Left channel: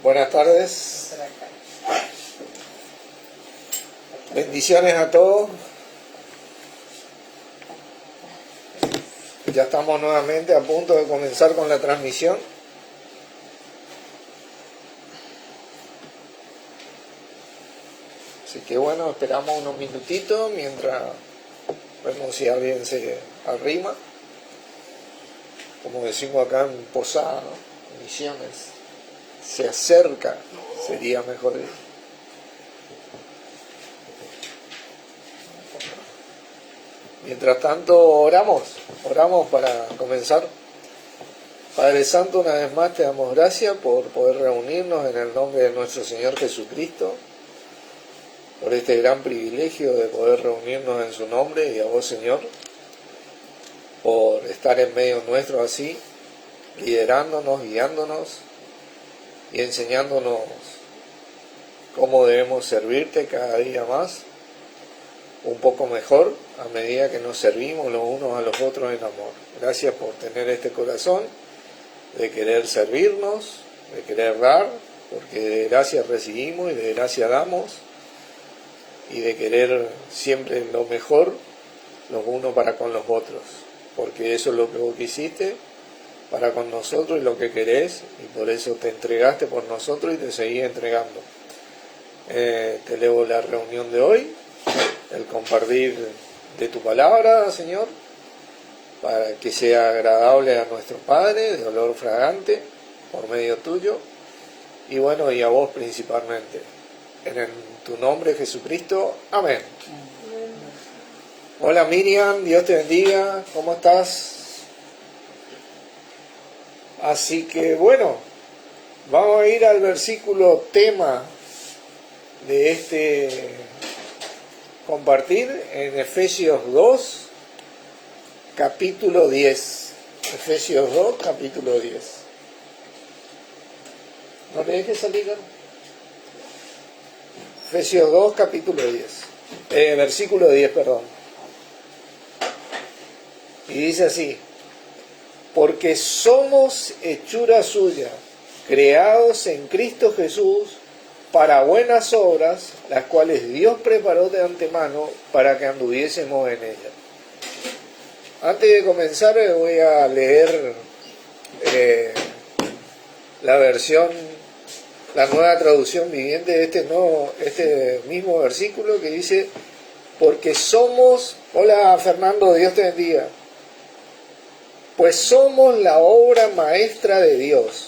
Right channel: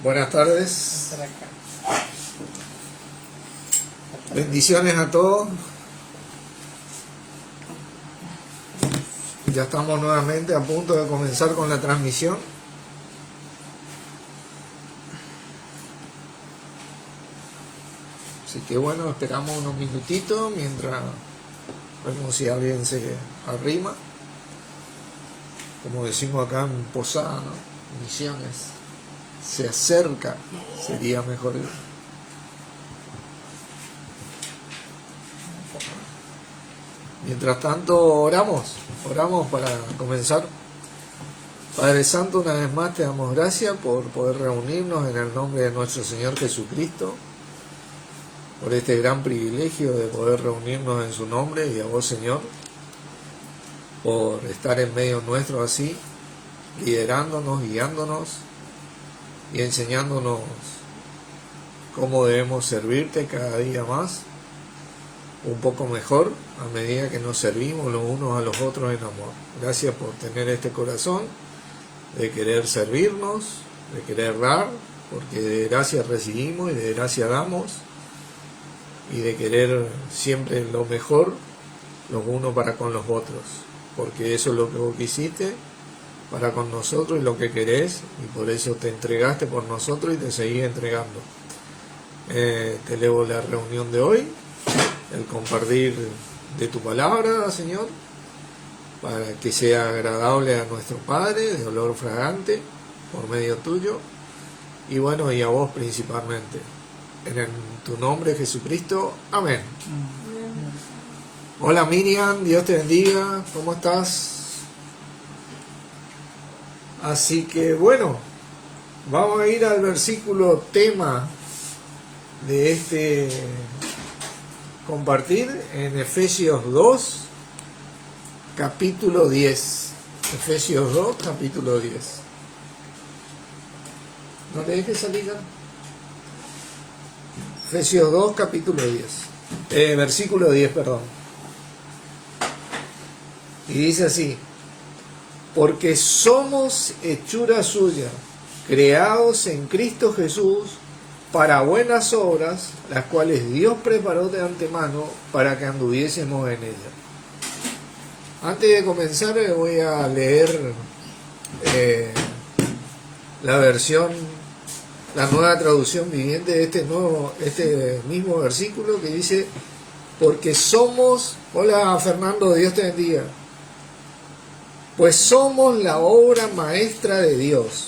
Buenas tardes, bendiciones a todos. Ya estamos nuevamente a punto de comenzar con la transmisión. Así que bueno, esperamos unos minutitos mientras vemos si alguien se arrima. Como decimos acá en Posada, ¿no? Misiones, se acerca, sería mejor decir. Mientras tanto, oramos para comenzar. Padre Santo, una vez más te damos gracias por poder reunirnos en el nombre de nuestro Señor Jesucristo, por este gran privilegio de poder reunirnos en su nombre, y a vos, Señor, por estar en medio nuestro así, liderándonos, guiándonos y enseñándonos cómo debemos servirte cada día más, un poco mejor a medida que nos servimos los unos a los otros en amor. Gracias por tener este corazón de querer servirnos, de querer dar, porque de gracia recibimos y de gracia damos, y de querer siempre lo mejor los unos para con los otros, porque eso es lo que vos quisiste para con nosotros y lo que querés, y por eso te entregaste por nosotros y te seguís entregando. Te elevo la reunión de hoy, el compartir de tu palabra, Señor, para que sea agradable a nuestro Padre, de olor fragante, por medio tuyo, y bueno, y a vos principalmente. En tu nombre, Jesucristo. Amén. Hola Miriam, Dios te bendiga, ¿cómo estás? Así que bueno, vamos a ir al versículo tema de este compartir en Efesios 2, capítulo 10. Efesios 2, capítulo 10. No te dejes salir, ¿no? Efesios 2, capítulo 10. Versículo 10, perdón. Y dice así: porque somos hechura suya, creados en Cristo Jesús para buenas obras, las cuales Dios preparó de antemano para que anduviésemos en ellas. Antes de comenzar voy a leer la nueva traducción viviente de este mismo versículo, que dice: porque somos, hola Fernando, Dios te bendiga, pues somos la obra maestra de Dios.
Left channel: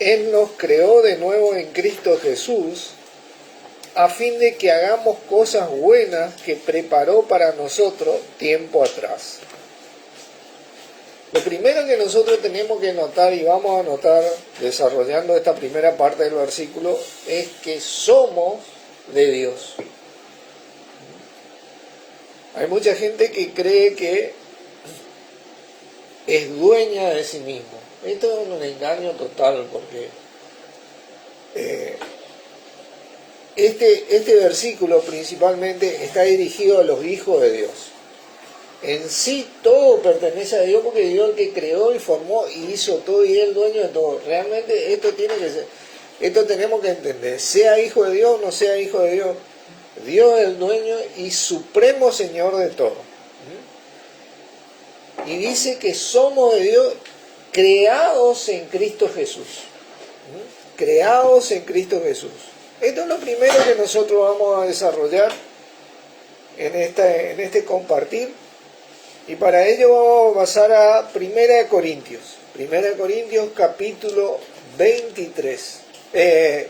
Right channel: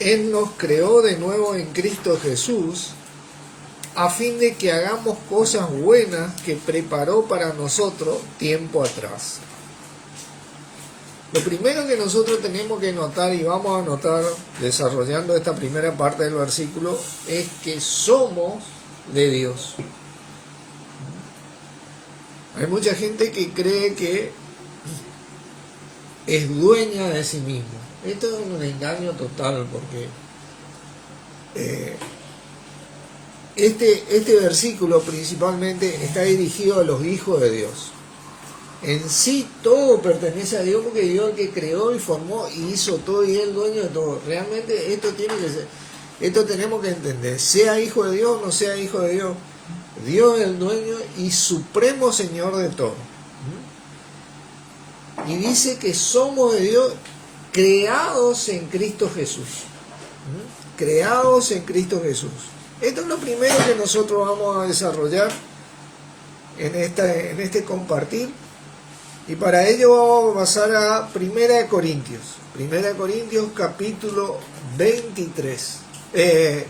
Él nos creó de nuevo en Cristo Jesús, a fin de que hagamos cosas buenas que preparó para nosotros tiempo atrás. Lo primero que nosotros tenemos que notar, y vamos a notar desarrollando esta primera parte del versículo, es que somos de Dios. Hay mucha gente que cree que es dueña de sí mismo. Esto es un engaño total, porque este versículo principalmente está dirigido a los hijos de Dios. En sí todo pertenece a Dios, porque Dios es el que creó y formó y hizo todo, y es el dueño de todo. Realmente esto tenemos que entender, sea hijo de Dios o no sea hijo de Dios, Dios es el dueño y supremo Señor de todo. Y dice que somos de Dios, creados en Cristo Jesús. Creados en Cristo Jesús. Esto es lo primero que nosotros vamos a desarrollar en este compartir. Y para ello vamos a pasar a 1 Corintios. 1 Corintios capítulo 23.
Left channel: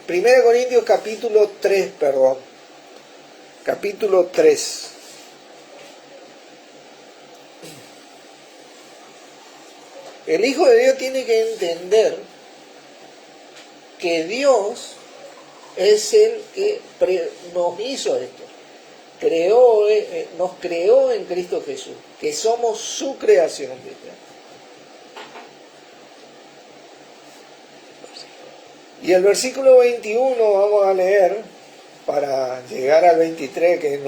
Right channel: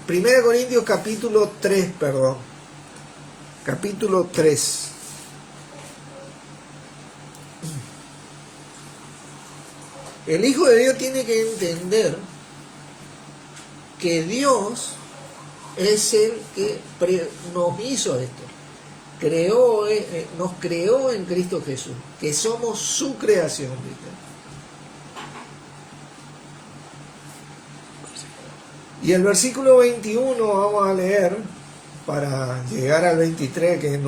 1 Corintios capítulo 3, perdón. Capítulo 3. El Hijo de Dios tiene que entender que Dios es el que nos hizo esto. Nos creó en Cristo Jesús, que somos su creación. Y el versículo 21 vamos a leer para llegar al 23, que es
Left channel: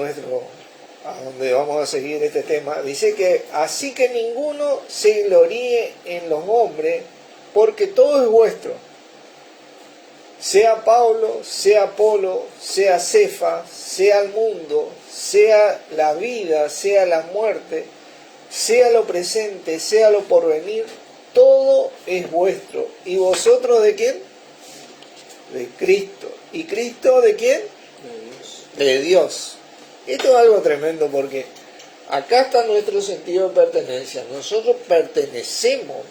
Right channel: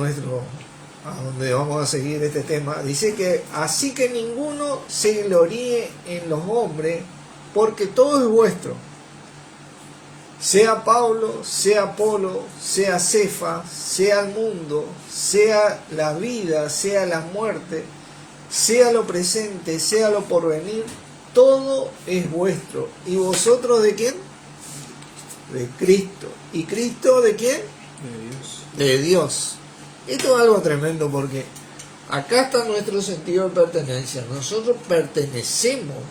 a donde vamos a seguir este tema. Dice que así que ninguno se gloríe en los hombres, porque todo es vuestro, sea Pablo, sea Apolo, sea Cefas, sea el mundo, sea la vida, sea la muerte, sea lo presente, sea lo porvenir, todo es vuestro. ¿Y vosotros de quién? De Cristo. ¿Y Cristo de quién? De Dios. Esto es algo tremendo porque acá está nuestro sentido de pertenencia. Nosotros pertenecemos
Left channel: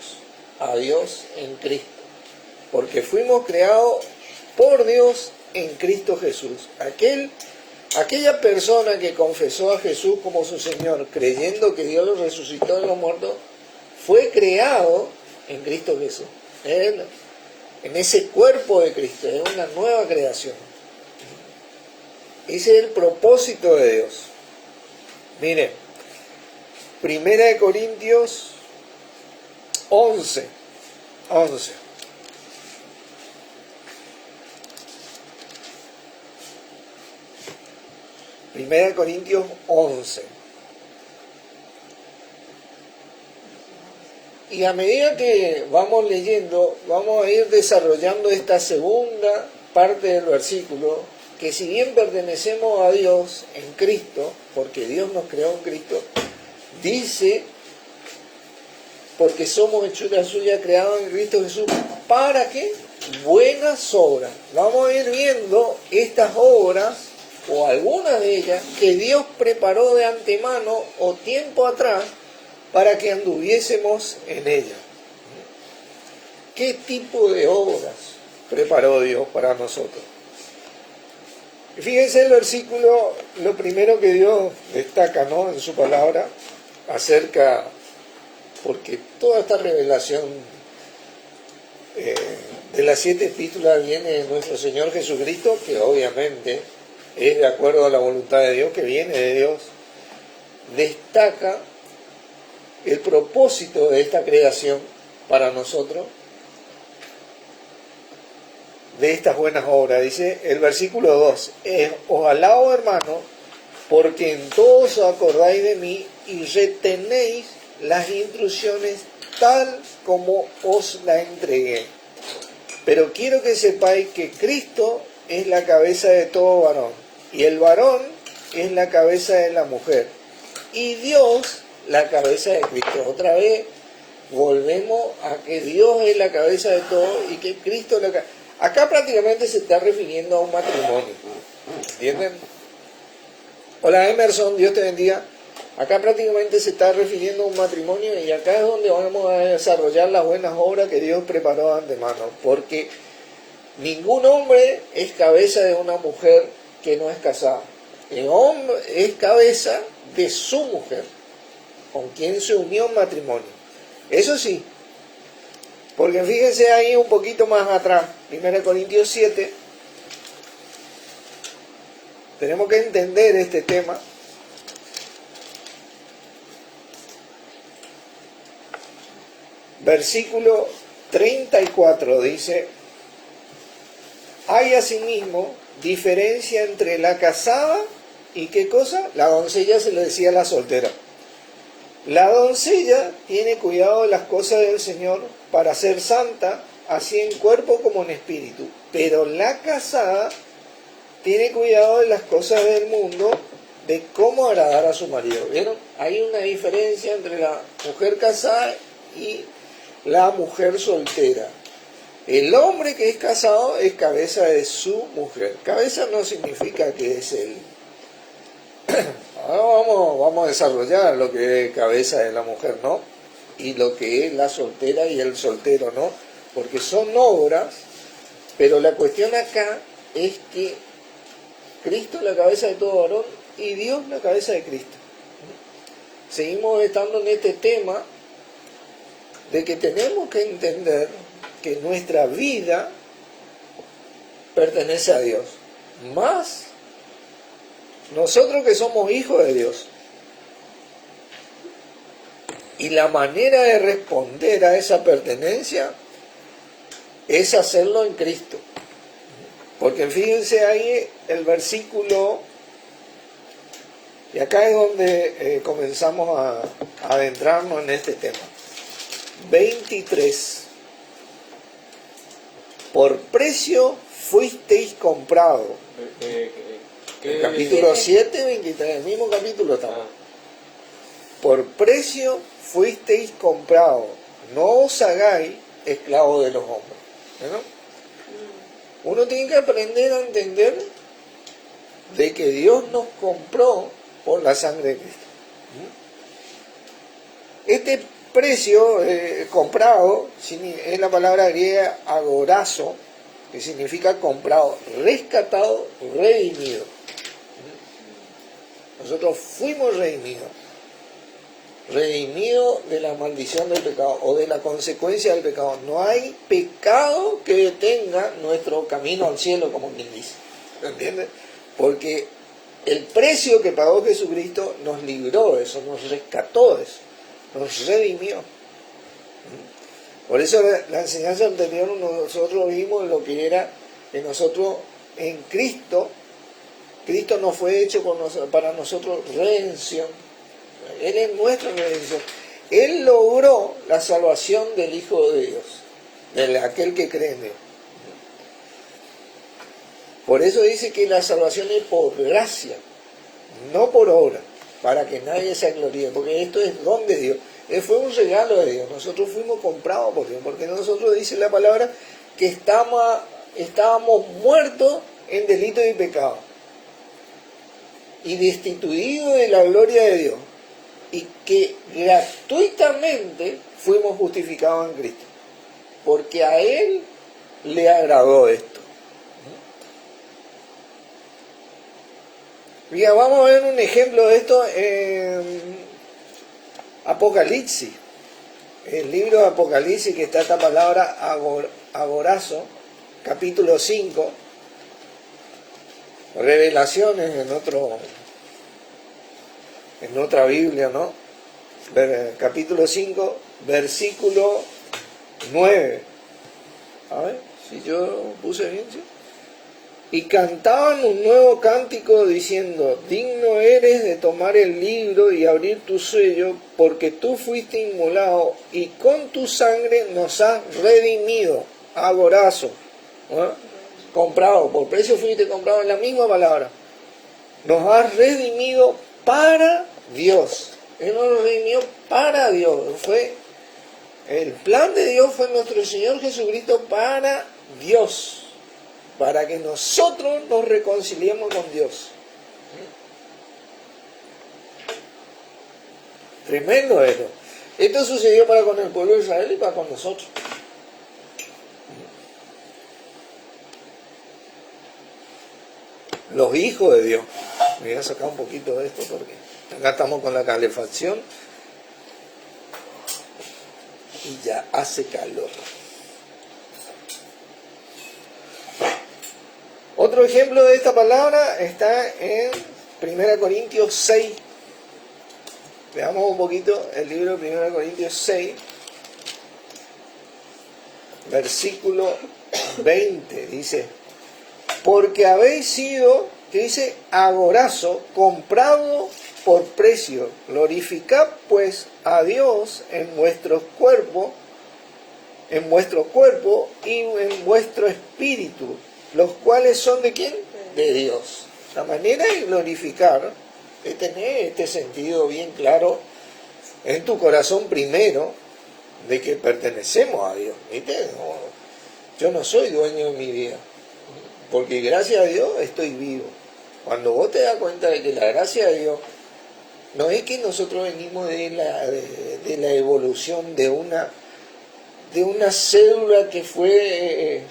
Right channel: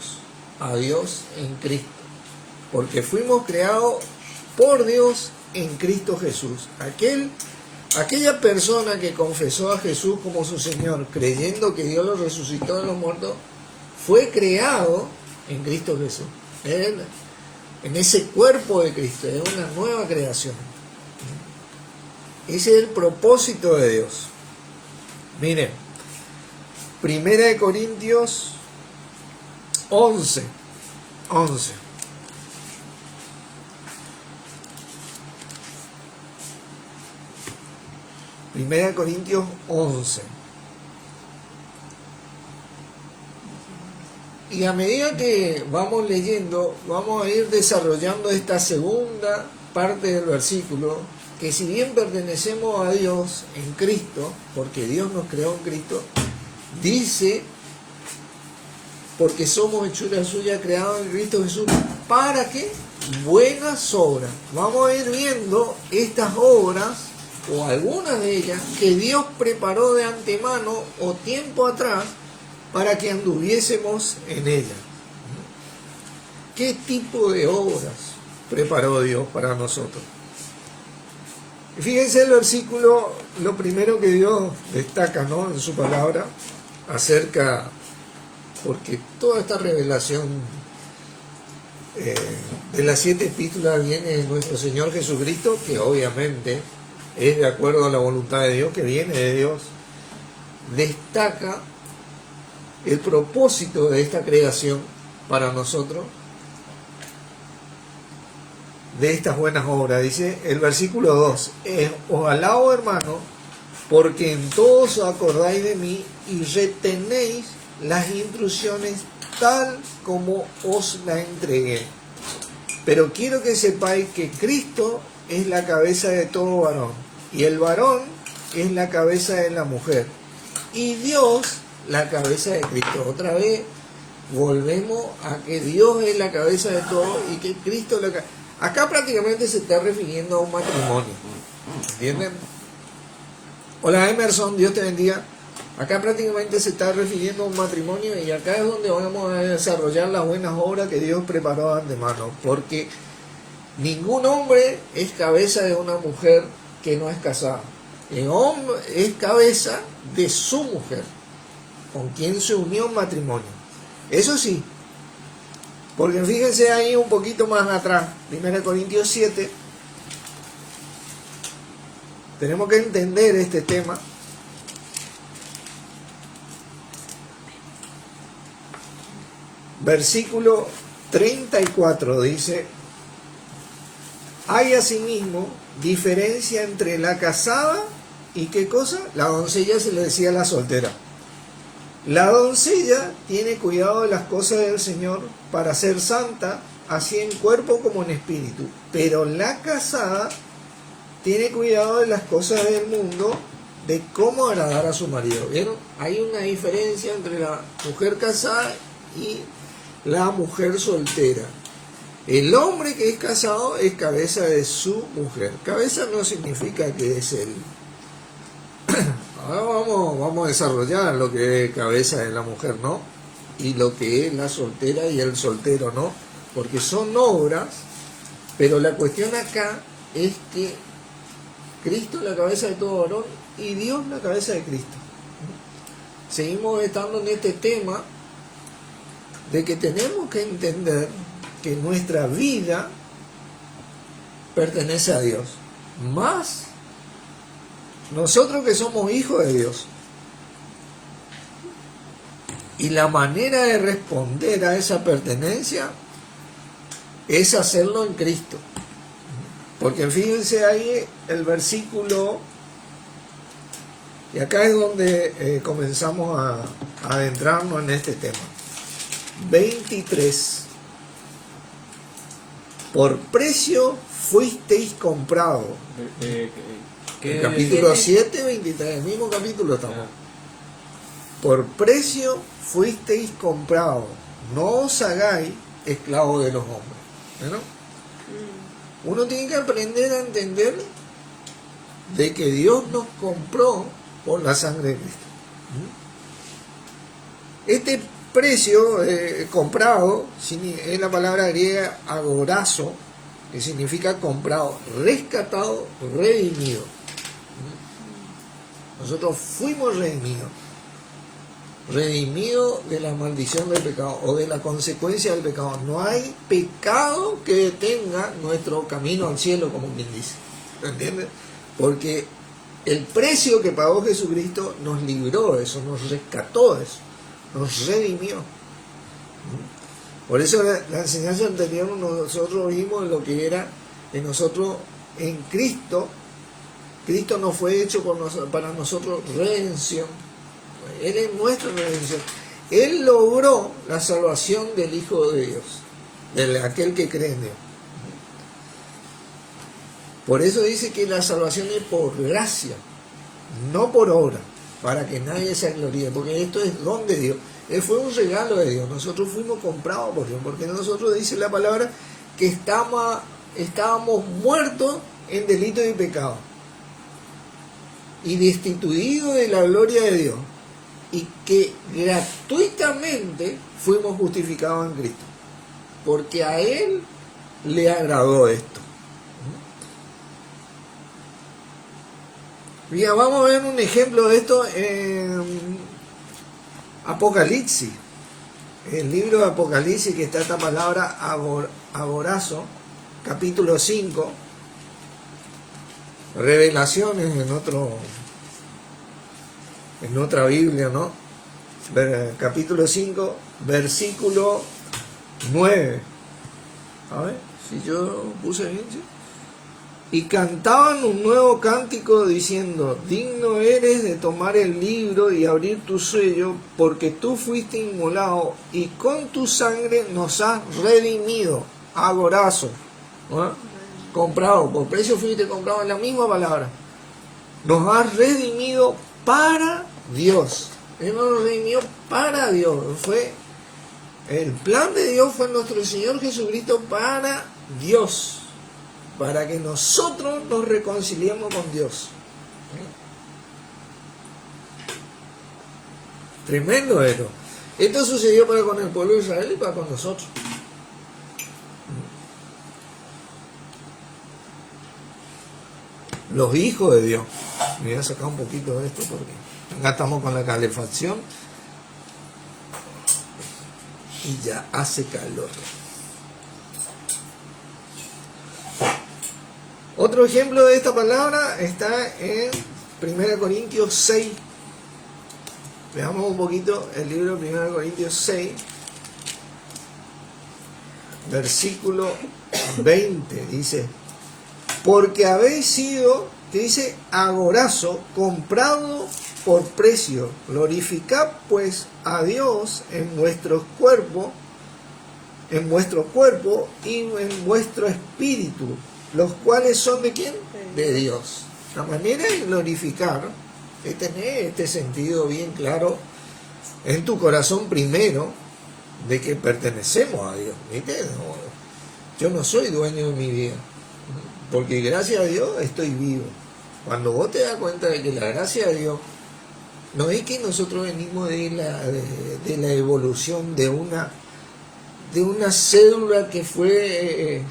a Dios en Cristo, porque fuimos creados por Dios en Cristo Jesús. Aquella persona que confesó a Jesús como su Señor, creyendo que Dios lo resucitó de los muertos, fue creado en Cristo Jesús. Él, en ese cuerpo de Cristo, es una nueva creación. Ese es el propósito de Dios. Miren, 1 Corintios 11. 1 Corintios 11. Y a medida que vamos leyendo, vamos a ir desarrollando esta segunda parte del versículo, que si bien pertenecemos a Dios en Cristo, porque Dios nos creó en Cristo, dice, porque somos hechura suya creados en Cristo Jesús, ¿para qué? Buenas obras. Vamos a ir viendo estas obras, o algunas de ellas, que Dios preparó de antemano o tiempo atrás para que anduviésemos en ellas. ¿Qué tipo de obras preparó Dios para nosotros? Fíjense el versículo, lo primero que Dios destaca, ¿no?, en su palabra, acerca, porque toda esta revelación de las 7 epístolas viene de nuestro Señor Jesucristo, que obviamente es de acuerdo a la voluntad de Dios, que viene de Dios, destaca el propósito de esta creación para nosotros, de estas buenas obras. Dice el versículo 2, os alabo, hermano, porque en todos os acordáis de mí y retenéis las instrucciones tal como os la entregué. Pero quiero que sepáis que Cristo es la cabeza de todo varón, y el varón es la cabeza de la mujer, y Dios la cabeza de Cristo. Otra vez volvemos a que Dios es la cabeza de todo y que Cristo es la cabeza. Acá prácticamente se está refiriendo a un matrimonio, ¿entienden? Hola Emerson, Dios te bendiga. Acá prácticamente se está refiriendo a un matrimonio, y acá es donde vamos a desarrollar las buenas obras que Dios preparó de antemano, porque ningún hombre es cabeza de una mujer que no es casada. El hombre es cabeza de su mujer, con quien se unió en matrimonio. Eso sí, porque fíjense ahí un poquito más atrás, 1 Corintios 7, tenemos que entender este tema. Versículo 34 dice, hay asimismo diferencia entre la casada y ¿qué cosa? La doncella se le decía a la soltera. La doncella tiene cuidado de las cosas del Señor para ser santa, así en cuerpo como en espíritu. Pero la casada tiene cuidado de las cosas del mundo, de cómo agradar a su marido. ¿Vieron? Hay una diferencia entre la mujer casada y la mujer soltera. El hombre que es casado es cabeza de su mujer. Cabeza no significa que es él. Ahora vamos a desarrollar lo que es cabeza de la mujer, ¿no? Y lo que es la soltera y el soltero, ¿no? Porque son obras, pero la cuestión acá es que Cristo es la cabeza de todo varón y Dios la cabeza de Cristo. Seguimos estando en este tema de que tenemos que entender que nuestra vida pertenece a Dios, más nosotros que somos hijos de Dios. Y la manera de responder a esa pertenencia es hacerlo en Cristo. Porque fíjense ahí el versículo, y acá es donde comenzamos a adentrarnos en este tema. 23. por precio fuisteis comprados. El capítulo 7, 23, el mismo capítulo estamos. Por precio fuisteis comprados, no os hagáis esclavos de los hombres. ¿No? Uno tiene que aprender a entender de que Dios nos compró por la sangre de Cristo. Este precio comprado es la palabra griega agorazo, que significa comprado, rescatado, redimido. Nosotros fuimos redimidos de la maldición del pecado o de la consecuencia del pecado. No hay pecado que detenga nuestro camino al cielo, como quien dice. ¿Entiendes? Porque el precio que pagó Jesucristo nos libró de eso, nos rescató de eso, nos redimió. Por eso la enseñanza anterior nosotros vimos lo que era que nosotros en Cristo no fue hecho para nosotros redención. Él es nuestra redención. Él logró la salvación del Hijo de Dios, de aquel que cree en Dios. Por eso dice que la salvación es por gracia, no por obra, para que nadie se gloríe, porque esto es don de Dios. Fue un regalo de Dios. Nosotros fuimos comprados por Dios, porque nosotros dice la palabra que estábamos muertos en delito y pecado y destituidos de la gloria de Dios, y que gratuitamente fuimos justificados en Cristo, porque a Él le agradó esto. Bien, vamos a ver un ejemplo de esto en Apocalipsis. El libro de Apocalipsis, que está esta palabra agorazo, capítulo 5, revelaciones en otra Biblia, ¿no? Capítulo 5, versículo 9. A ver, si yo puse bien, ¿sí? Y cantaban un nuevo cántico diciendo: digno eres de tomar el libro y abrir tu sello, porque tú fuiste inmolado y con tu sangre nos has redimido. Agorazo, ¿no? Comprado, por precio fuiste comprado, en la misma palabra. Nos has redimido para Dios. Él nos redimió para Dios. El plan de Dios fue nuestro Señor Jesucristo para Dios, para que nosotros nos reconciliemos con Dios. Tremendo esto. Esto sucedió para con el pueblo de Israel y para con nosotros. Los hijos de Dios. Me voy a sacar un poquito de esto porque acá estamos con la calefacción y ya hace calor. Otro ejemplo de esta palabra está en 1 Corintios 6. Veamos un poquito el libro de 1 Corintios 6, versículo 20. Dice: porque habéis sido, que dice, agorazo, comprado por precio. Glorificad pues a Dios en vuestro cuerpo y en vuestro espíritu, los cuales son ¿de quién? De Dios. La manera de glorificar es tener este sentido bien claro en tu corazón primero, de que pertenecemos a Dios. ¿Viste? No, yo no soy dueño de mi vida, porque gracias a Dios estoy vivo. Cuando vos te das cuenta de que la gracia de Dios no es que nosotros venimos de la evolución de una célula que fue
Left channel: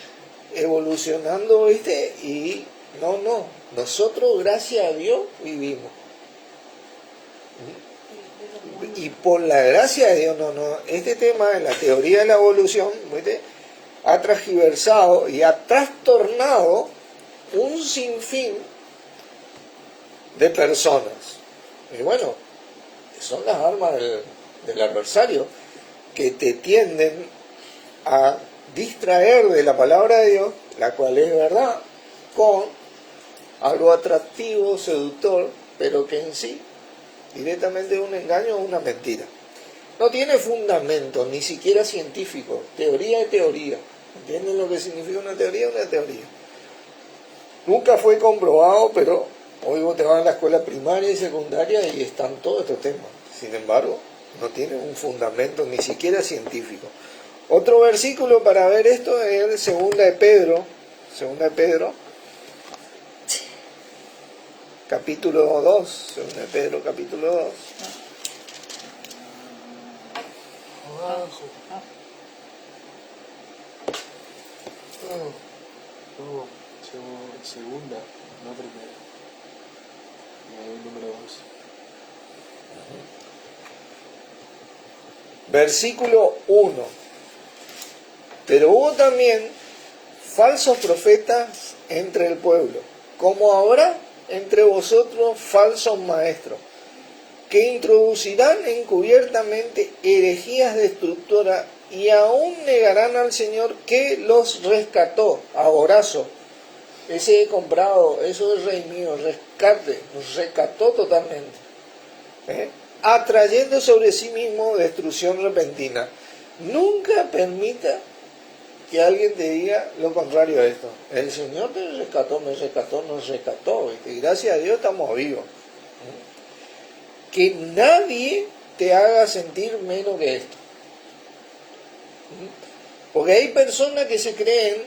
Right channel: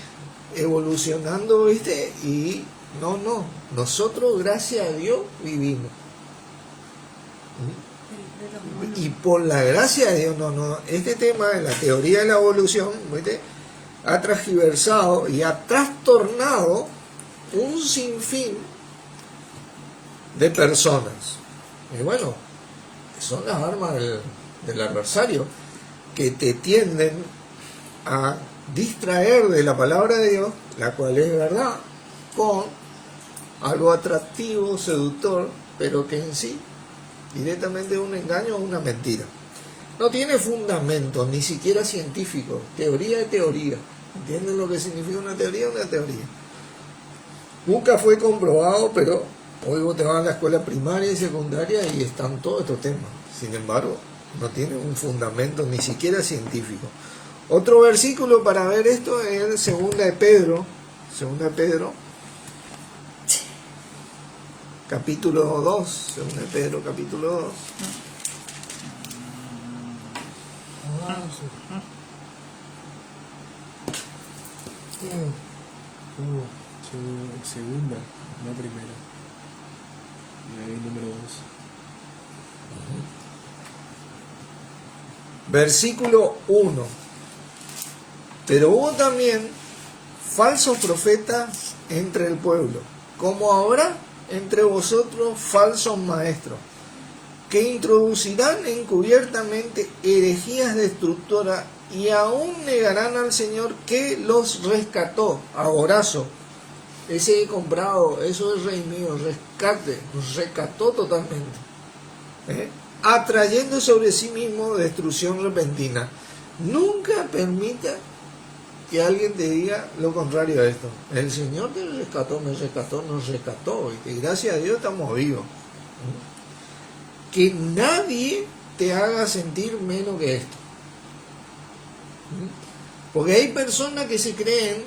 evolucionando, ¿viste? Y no, nosotros gracias a Dios vivimos. Y por la gracia de Dios, este tema de la teoría de la evolución, ¿viste?, ha transgiversado y ha trastornado un sinfín de personas. Y bueno, son las armas del adversario, que te tienden a distraer de la palabra de Dios, la cual es verdad, con algo atractivo, seductor, pero que en sí directamente es un engaño o una mentira. No tiene fundamento, ni siquiera científico, teoría de teoría. ¿Entienden lo que significa una teoría? Una teoría. Nunca fue comprobado, pero hoy vos te vas a la escuela primaria y secundaria y están todos estos temas. Sin embargo, no tienen un fundamento ni siquiera científico. Otro versículo para ver esto es segunda de Pedro, capítulo 2, segunda de Pedro, capítulo 2. Segunda, no primera. El número 2. Versículo 1. Pero hubo también falsos profetas entre el pueblo, como habrá entre vosotros falsos maestros, que introducirán encubiertamente herejías destructoras y aún negarán al Señor que los rescató. Aborazo, ese he comprado, eso es rey mío, rescate, nos rescató totalmente. Atrayendo sobre sí mismo destrucción repentina. Nunca permita que alguien te diga lo contrario a esto. El Señor te rescató, me rescató, nos rescató, y gracias a Dios estamos vivos. Que nadie te haga sentir menos que esto. Porque hay personas que se creen,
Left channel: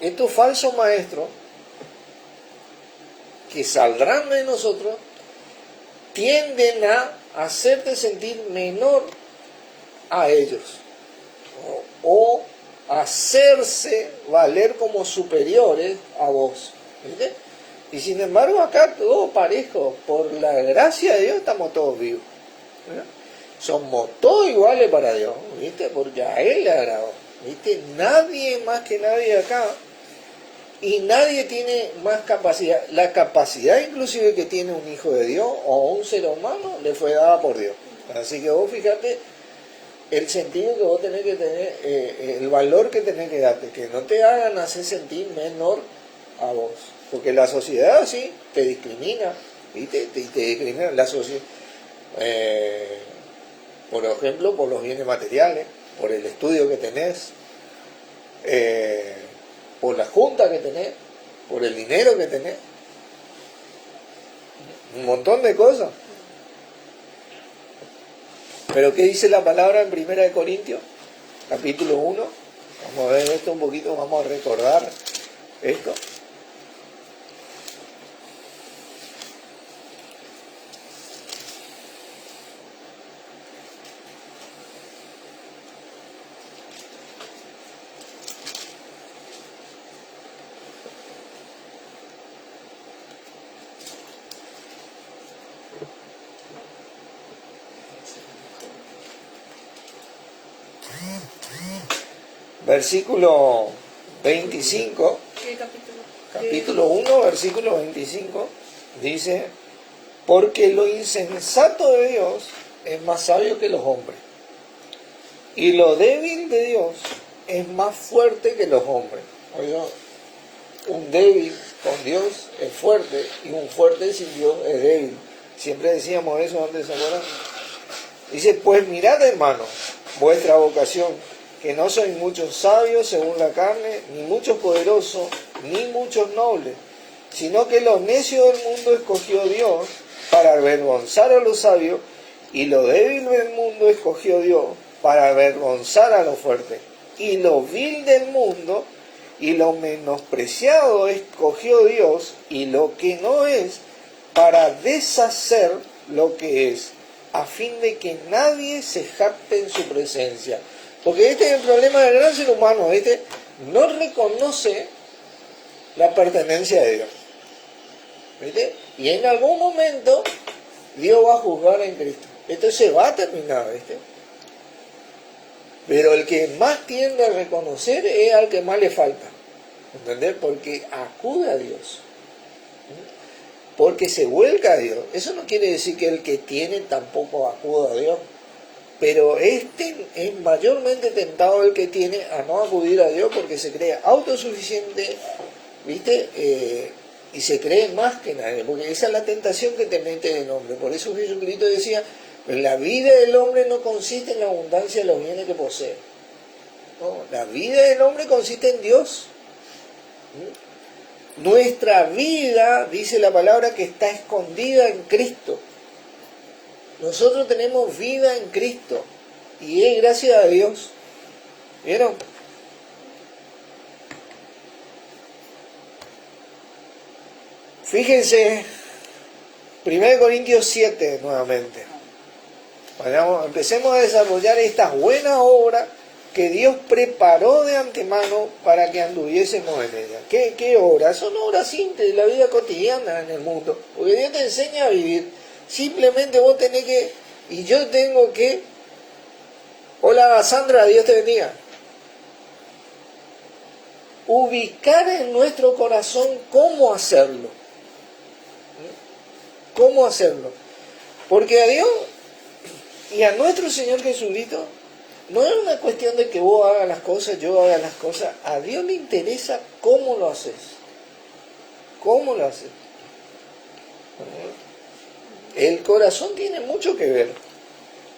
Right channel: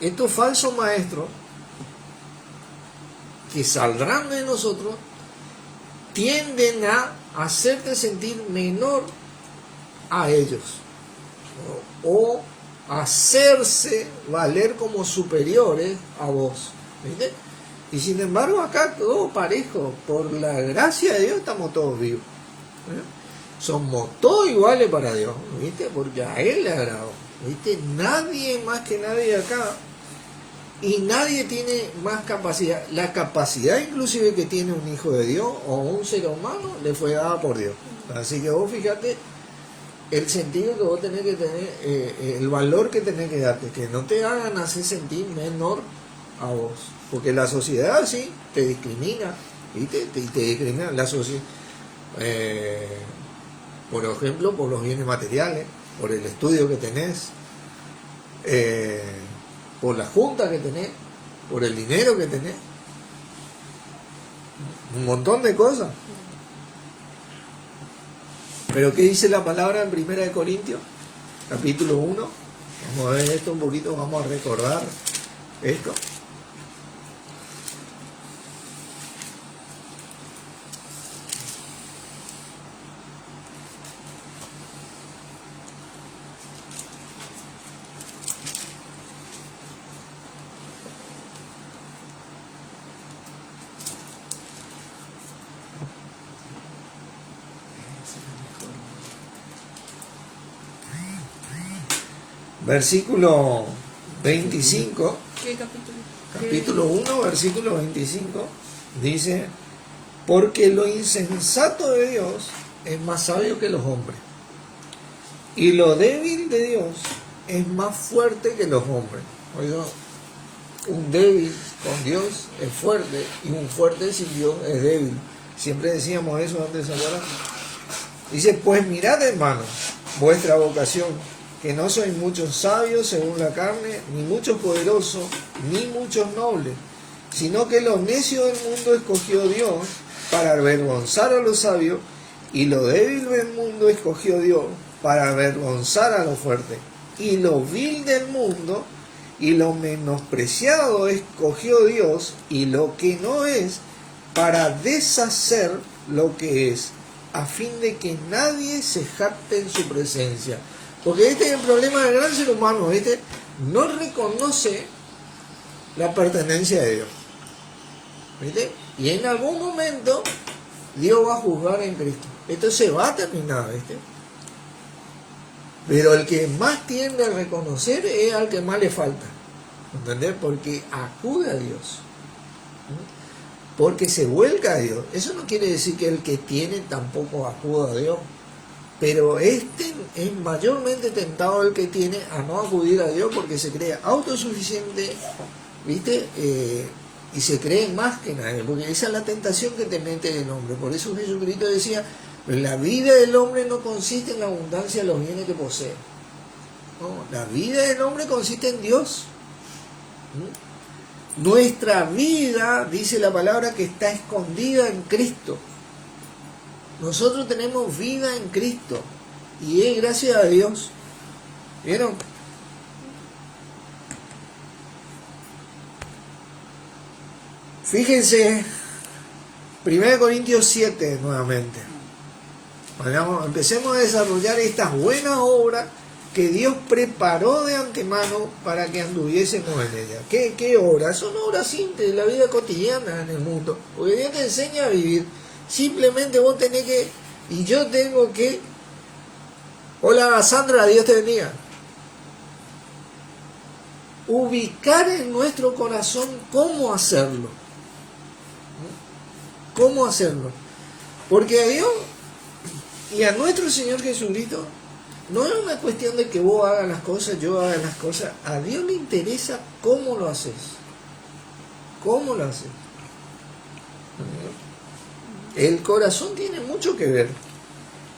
estos falsos maestros, que saldrán de nosotros, tienden a hacerte sentir menor a ellos. O hacerse valer como superiores a vos. ¿Viste? Y sin embargo acá todo parejo, por la gracia de Dios estamos todos vivos. Somos todos iguales para Dios, ¿viste? Porque a Él le agradó, ¿viste? Nadie más que nadie acá, y nadie tiene más capacidad. La capacidad inclusive que tiene un hijo de Dios o un ser humano le fue dada por Dios. Así que vos fíjate el sentido que vos tenés que tener, el valor que tenés que darte, que no te hagan hacer sentir menor a vos, porque la sociedad así te discrimina, ¿viste? Te discrimina la sociedad, por ejemplo, por los bienes materiales, por el estudio que tenés, por la junta que tenés, por el dinero que tenés, un montón de cosas. Pero ¿qué dice la palabra en 1 de Corintios? Capítulo 1. Vamos a ver esto un poquito, vamos a recordar esto. Versículo 25, ¿Qué capítulo? capítulo 1, versículo 25, dice: porque lo insensato de Dios es más sabio que los hombres, y lo débil de Dios es más fuerte que los hombres. Oiga, un débil con Dios es fuerte, y un fuerte sin Dios es débil. Siempre decíamos eso antes, ¿se acuerdan? Dice: pues mirad, hermanos, vuestra vocación, que no sois muchos sabios según la carne, ni muchos poderosos, ni muchos nobles, sino que los necios del mundo escogió Dios para avergonzar a los sabios, y lo débil del mundo escogió Dios para avergonzar a los fuertes, y lo vil del mundo y lo menospreciado escogió Dios, y lo que no es, para deshacer lo que es, a fin de que nadie se jacte en su presencia. Porque este es el problema del gran ser humano, este no reconoce la pertenencia de Dios, ¿viste? Y en algún momento Dios va a juzgar en Cristo. Esto se va a terminar, ¿viste? Pero el que más tiende a reconocer es al que más le falta, ¿entendés? Porque acude a Dios, porque se vuelca a Dios. Eso no quiere decir que el que tiene tampoco acuda a Dios, pero este es mayormente tentado el que tiene a no acudir a Dios, porque se cree autosuficiente, ¿viste? Y se cree más que nadie, porque esa es la tentación que te mete el hombre. Por eso Jesucristo decía: la vida del hombre no consiste en la abundancia de los bienes que posee. No, la vida del hombre consiste en Dios. Nuestra vida, dice la palabra, que está escondida en Cristo. Nosotros tenemos vida en Cristo y es gracias a Dios. ¿Vieron? Fíjense, 1 Corintios 7 nuevamente. Empecemos a desarrollar estas buenas obras que Dios preparó de antemano para que anduviésemos en ellas. ¿Qué obras? Son obras simples de la vida cotidiana en el mundo. Porque Dios te enseña a vivir. Simplemente vos tenés que, y yo tengo que... Hola Sandra, Dios te bendiga. Ubicar en nuestro corazón cómo hacerlo. ¿Cómo hacerlo? Porque a Dios y a nuestro Señor Jesucristo no es una cuestión de que vos hagas las cosas, yo haga las cosas. A Dios le interesa cómo lo haces. ¿Cómo lo haces? El corazón tiene mucho que ver.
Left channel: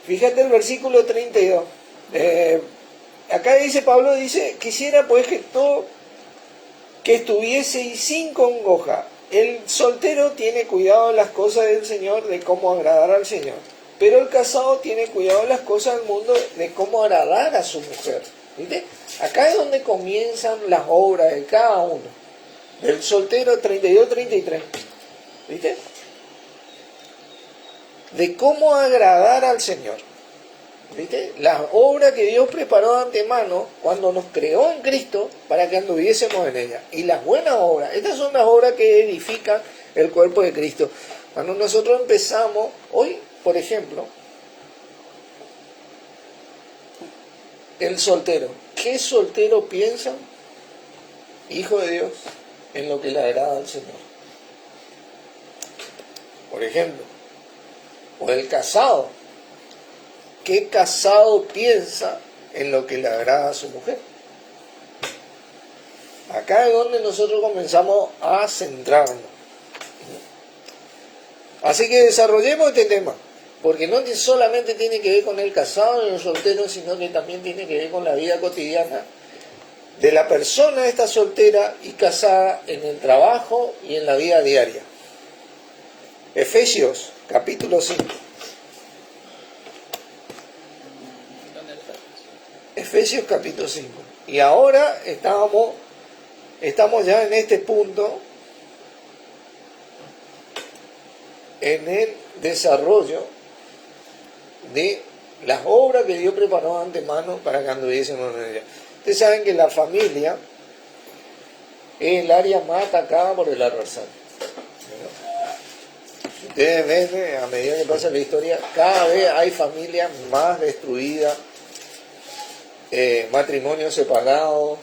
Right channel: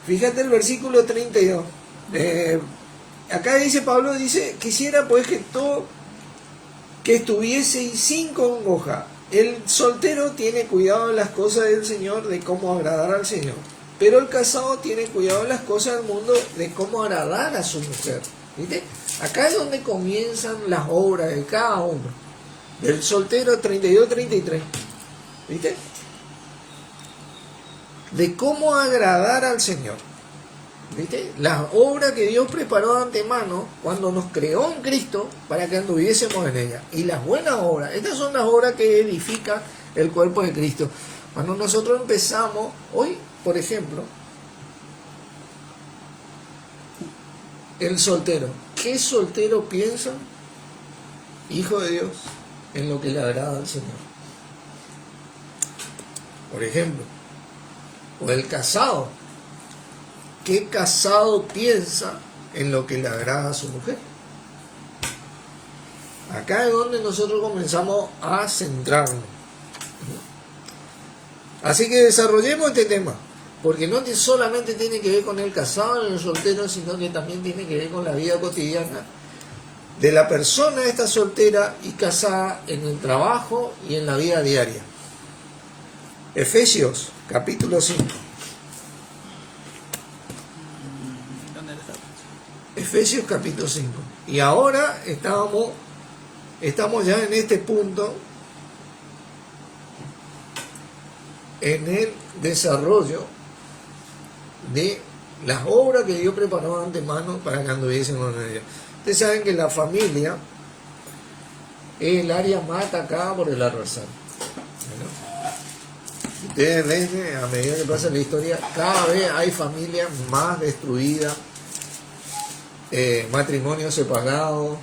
Fíjate el versículo 32. Acá dice Pablo, dice, quisiera pues que estuvieseis sin congoja. El soltero tiene cuidado de las cosas del Señor, de cómo agradar al Señor. Pero el casado tiene cuidado de las cosas del mundo, de cómo agradar a su mujer. ¿Viste? Acá es donde comienzan las obras de cada uno. Del soltero 32-33. ¿Viste? De cómo agradar al Señor. ¿Viste? Las obras que Dios preparó de antemano cuando nos creó en Cristo para que anduviésemos en ella. Y las buenas obras, estas son las obras que edifican el cuerpo de Cristo. Cuando nosotros empezamos, hoy, por ejemplo, el soltero. ¿Qué soltero piensa, hijo de Dios, en lo que le agrada al Señor? Por ejemplo, o el casado. ¿Qué casado piensa en lo que le agrada a su mujer? Acá es donde nosotros comenzamos a centrarnos. Así que desarrollemos este tema, porque no solamente tiene que ver con el casado y el soltero, sino que también tiene que ver con la vida cotidiana de la persona esta soltera y casada en el trabajo y en la vida diaria. Efesios, capítulo 5. Efesios capítulo 5. Y ahora estamos ya en este punto, en el desarrollo de las obras que Dios preparó de antemano para que anduviésemos en ella. Ustedes saben que la familia es el área más atacada por el adversario. Ustedes ven, a medida que pasa la historia, cada vez hay familias más destruidas, matrimonios separados,